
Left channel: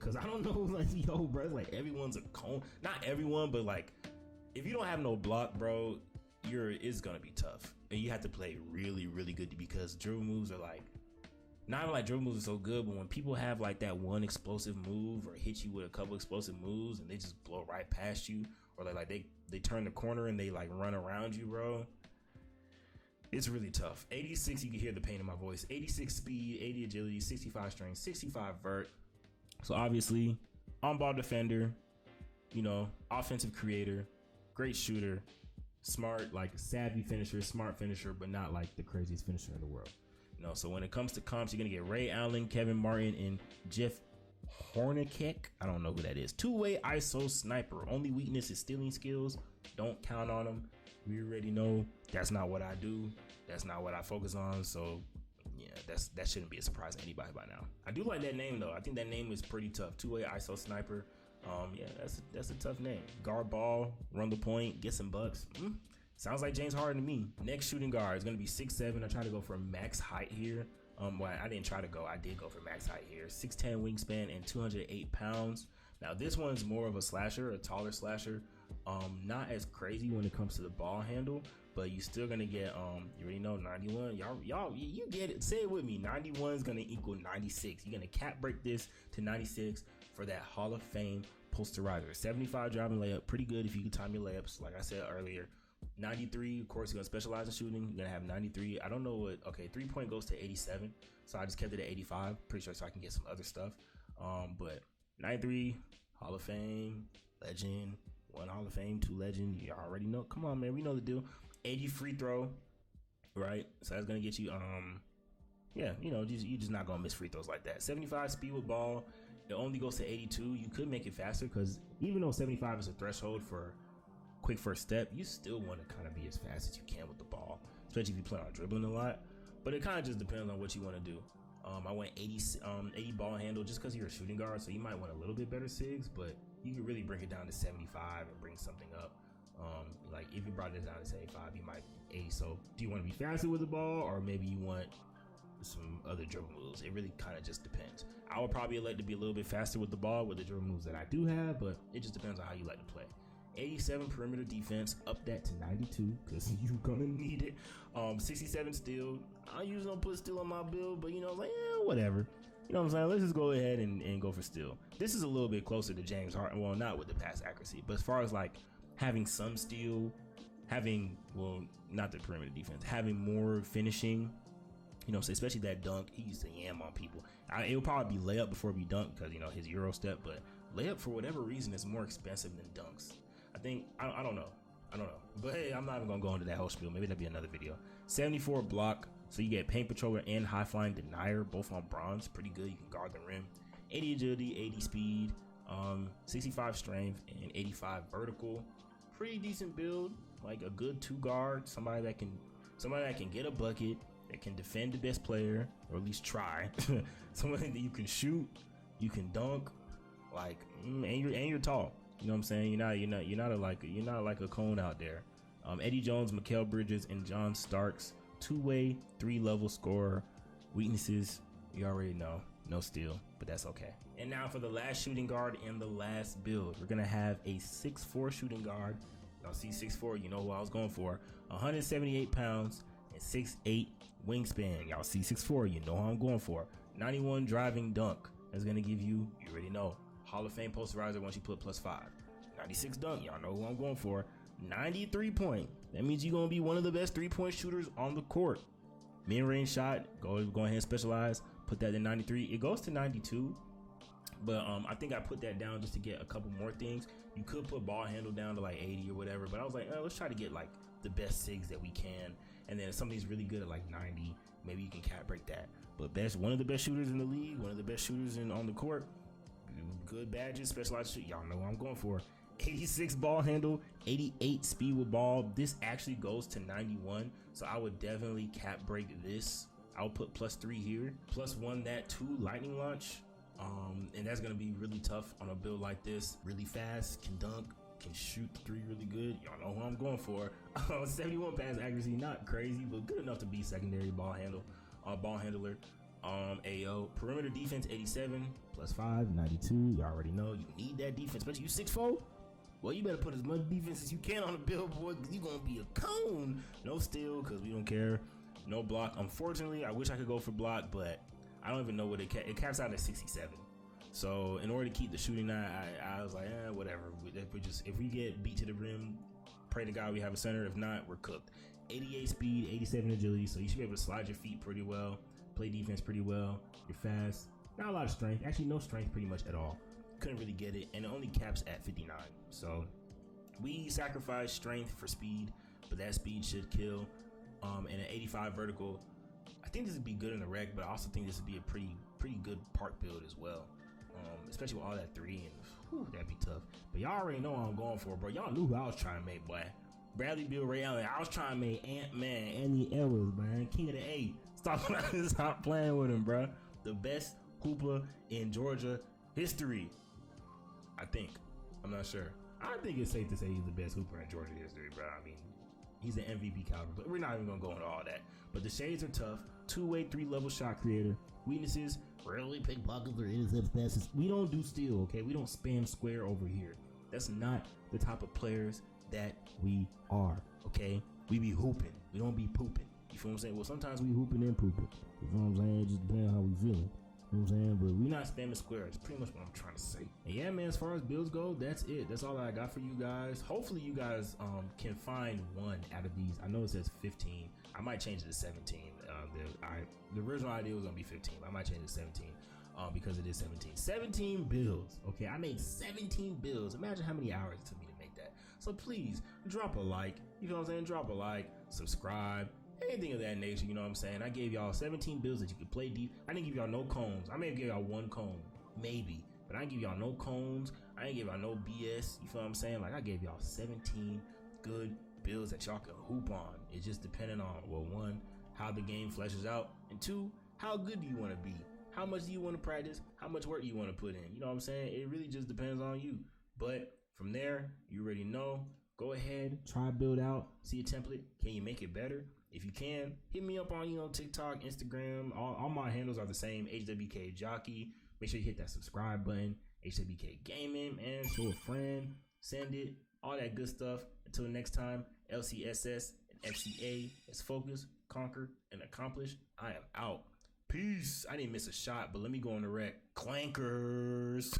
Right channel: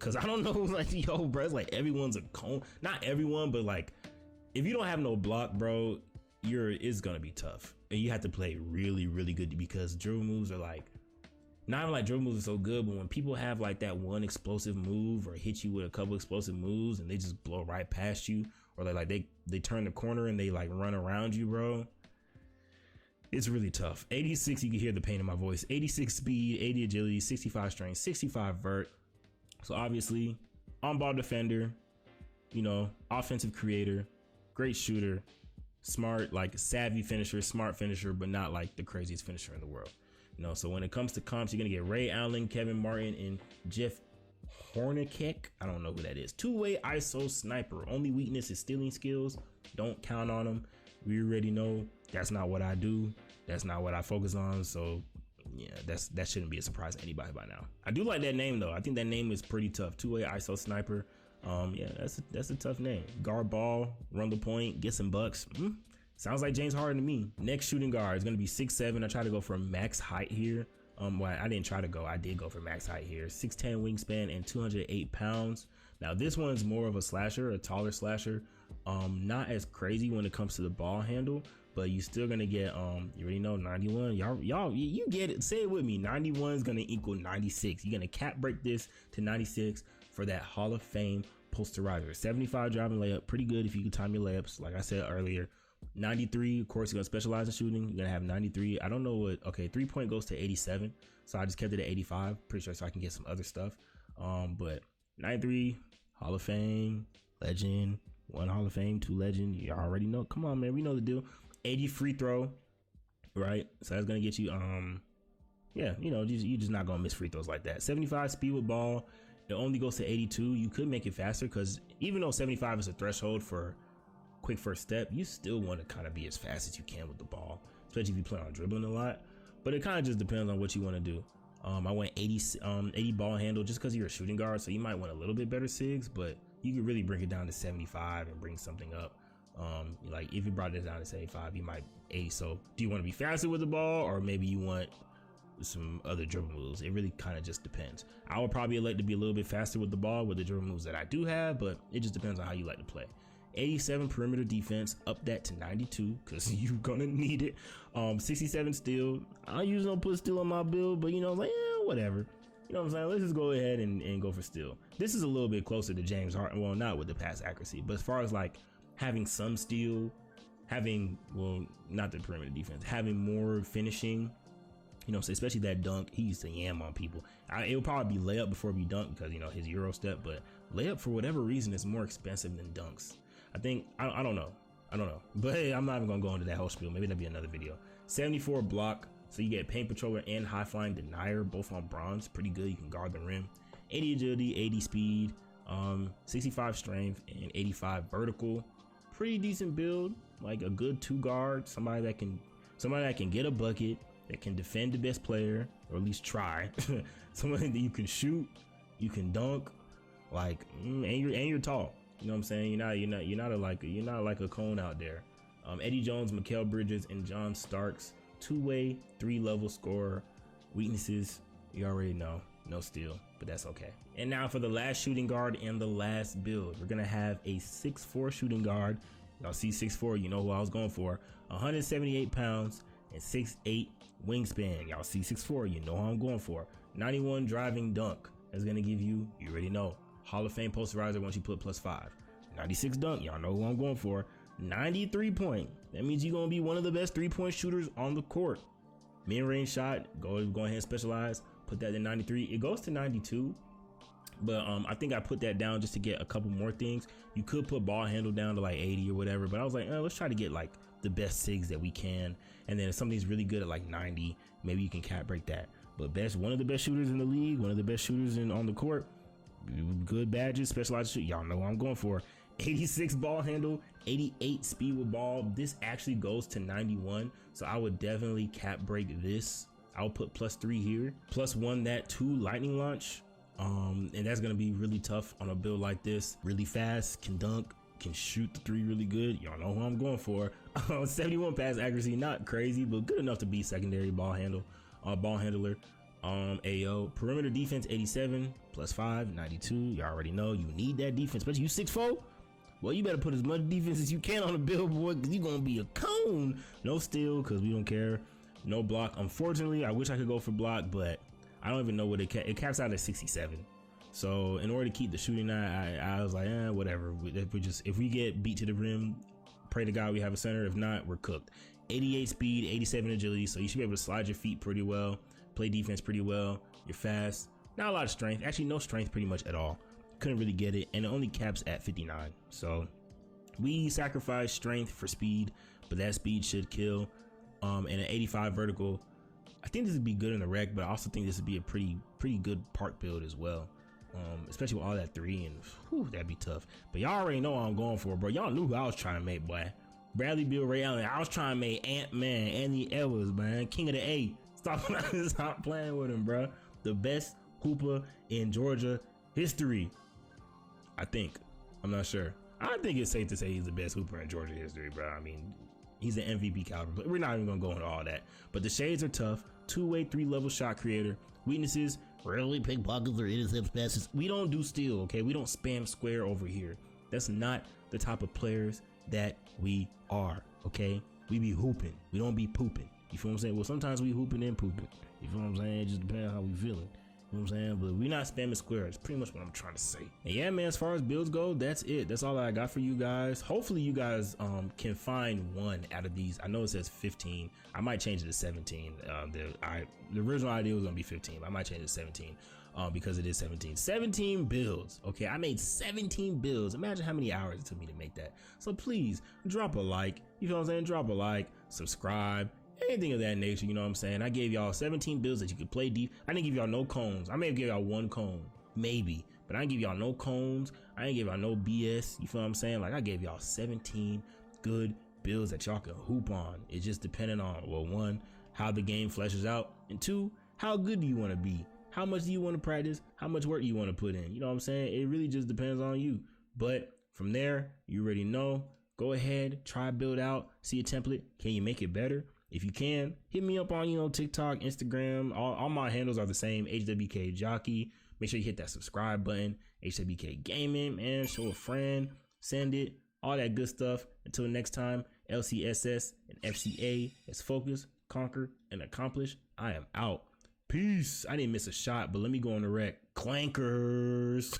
Cause I don't know, like, yo, bro, it's like everyone's a cone. Not everyone, but like if you don't have no block, bro, it's gonna be tough. And you have to play really good, because dribble moves are like, not even like dribble moves are so good, but when people have like that one explosive move or hit you with a couple explosive moves and they just blow right past you, or they turn the corner and they like run around you, bro, It's really tough. 86, you can hear the pain in my voice. 86 speed, 80 agility, 65 strength, 65 vert. So obviously, on-ball defender, you know, offensive creator, great shooter, smart, like savvy finisher, smart finisher, but not like the craziest finisher in the world. You know, so when it comes to comps, you're gonna get Ray Allen, Kevin Martin, and Jeff Hornacek. I don't know who that is. Two-way ISO sniper. Only weakness is stealing skills. Don't count on them. We already know that's not what I do. That's not what I focus on. So yeah, that shouldn't be a surprise to anybody by now. I do like that name though. I think that name is pretty tough. Two-way ISO sniper. Yeah, that's a tough name. Guard ball, run the point, get some bucks. Sounds like James Harden to me. Next shooting guard is gonna be 6'7". I try to go for max height here. Well, I didn't try to go. I did go for max height here. 6'10" wingspan and 208 pounds. Now this one's more of a slasher, a taller slasher. Not as crazy when it comes to the ball handle, but you still gonna get you already know 91. Y'all you get it. Say it with me. 91 is gonna equal 96. You're gonna cap break this to 96 for that Hall of Fame posterizer. 75 driving layup, pretty good if you can time your layups. Like I said earlier. 93, of course, you're gonna specialize in shooting. You're gonna have 93. I don't know what. Okay, 3-point goes to 87, so I just kept it at 85. Pretty sure so I can get some other stuff. But 93, Hall of Fame, legend. 1 Hall of Fame, 2 legend. You already know. Come on, man. We know the deal. 80 free throw, right? So that's gonna get you. Yeah, you know, you just not gonna miss free throws like that. 75 speed with ball. It only goes to 82. You could make it faster because even though 75 is a threshold for quick first step, you still want to kind of be as fast as you can with the ball, especially if you plan on dribbling a lot. But it kind of just depends on what you want to do. I went 80 ball handle just because you're a shooting guard, so you might want a little bit better SIGs, but you could really bring it down to 75 and bring something up. Like if you brought it down to 75, you might 80. So do you want to be faster with the ball, or maybe you want some other dribble moves? It really kind of just depends. I would probably like to be a little bit faster with the ball with the dribble moves that I do have, but it just depends on how you like to play. 87 perimeter defense, up that to 92 because you're gonna need it. 67 steal. I usually don't put steal on my build, but you know, like, whatever. You know what I'm saying? Let's just go ahead and go for steal. This is a little bit closer to James Harden. Well, not with the pass accuracy, but as far as like having some steal, having, well, not the perimeter defense, having more finishing, you know, so especially that dunk. He used to yam on people. It would probably be layup before we dunk because, you know, his Euro step, but layup for whatever reason is more expensive than dunks. I think, I don't know. But hey, I'm not even gonna go into that whole spiel. Maybe that'll be another video. 74 block. So you get paint patroller and high flying denier, both on bronze. Pretty good. You can guard the rim. 80 agility, 80 speed, 65 strength, and 85 vertical. Pretty decent build. Like a good 2 guard. Somebody that can get a bucket, that can defend the best player, or at least try. Somebody that you can shoot, you can dunk, like, and you're tall. You know what I'm saying? You're not like a cone out there. Eddie Jones, Mikal Bridges, and John Starks. 2-way, 3-level scorer. Weaknesses, you already know. No steal, but that's okay. And now for the last shooting guard and the last build. We're gonna have a 6'4" shooting guard. Y'all see 6'4", you know who I was going for. 178 pounds and 6'8" wingspan. Y'all see 6'4", you know who I'm going for. 91 driving dunk. That's gonna give you already know, Hall of Fame posterizer once you put +5. 96 dunk, y'all know who I'm going for. 93 point. That means you're gonna be one of the best 3-point shooters on the court. Mid-range shot, go ahead and specialize. Put that in 93. It goes to 92, but I think I put that down just to get a couple more things. You could put ball handle down to like 80 or whatever, but I was like, let's try to get like the best SIGs that we can. And then if somebody's really good at like 90, maybe you can cap break that. But one of the best shooters in the league, one of the best shooters on the court. Good badges, specialized shoot. Y'all know what I'm going for. 86 ball handle, 88 speed with ball. This actually goes to 91, so I would definitely cap break this. I'll put +3 here, +1 that 2 lightning launch. And that's gonna be really tough on a build like this. Really fast, can dunk, can shoot the 3 really good. Y'all know who I'm going for. 71 pass accuracy, not crazy, but good enough to be secondary ball handler. AO perimeter defense 87 +5 92. You already know you need that defense, especially you 6'4". Well, you better put as much defense as you can on the billboard because you're gonna be a cone. No steal because we don't care. No block. Unfortunately, I wish I could go for block, but I don't even know what it caps out at 67. So in order to keep the shooting, I was like, whatever. If we get beat to the rim, pray to God we have a center. If not, we're cooked. 88 speed, 87 agility, so you should be able to slide your feet pretty well, play defense pretty well. You're fast. Not a lot of strength. Actually, no strength pretty much at all. Couldn't really get it, and it only caps at 59. So we sacrifice strength for speed, but that speed should kill. And an 85 vertical. I think this would be good in the rec, but I also think this would be a pretty good park build as well. Especially with all that 3 and whew, that'd be tough. But y'all already know what I'm going for, bro. Y'all knew who I was trying to make, boy. Bradley Beal, Ray Allen. I was trying to make Ant-Man, Anthony Edwards, man. King of the A. Stop playing with him, bro. The best hooper in Georgia history. I think. I'm not sure. I think it's safe to say he's the best hooper in Georgia history, bro. I mean, he's an MVP caliber, but we're not even gonna go into all that. But the shades are tough. 2-way, 3-level shot creator. Weaknesses, really pickpockets or intercept passes. We don't do steal, okay? We don't spam square over here. That's not the type of players that we are, okay? We be hooping. We don't be pooping. You feel what I'm saying? Well, sometimes we hooping and pooping. You feel what I'm saying? It just depends on how we feeling. You know what I'm saying? But we're not spamming square. That's pretty much what I'm trying to say. And yeah, man, as far as builds go, that's it. That's all I got for you guys. Hopefully you guys can find one out of these. I know it says 15. I might change it to 17. The original idea was gonna be 15. I might change it to 17 because it is 17. 17 builds. Okay, I made 17 builds. Imagine how many hours it took me to make that. So please drop a like. You feel what I'm saying? Drop a like, subscribe. Anything of that nature, you know what I'm saying? I gave y'all 17 builds that you could play deep. I didn't give y'all no cones. I may have given y'all 1 cone, maybe, but I didn't give y'all no cones. I didn't give y'all no BS. You feel what I'm saying? Like, I gave y'all 17 good builds that y'all can hoop on. It's just depending on, well, 1, how the game fleshes out, and 2, how good do you want to be? How much do you want to practice? How much work do you want to put in? You know what I'm saying? It really just depends on you. But from there, you already know. Go ahead, try build out, see a template. Can you make it better? If you can, hit me up on, TikTok, Instagram. All my handles are the same, HWKJOCKEY. Make sure you hit that subscribe button, HWK Gaming, man. Show a friend, send it, all that good stuff. Until next time, LCSS and FCA is focus, conquer, and accomplish. I am out. Peace. I didn't miss a shot, but let me go on the rec. Clankers.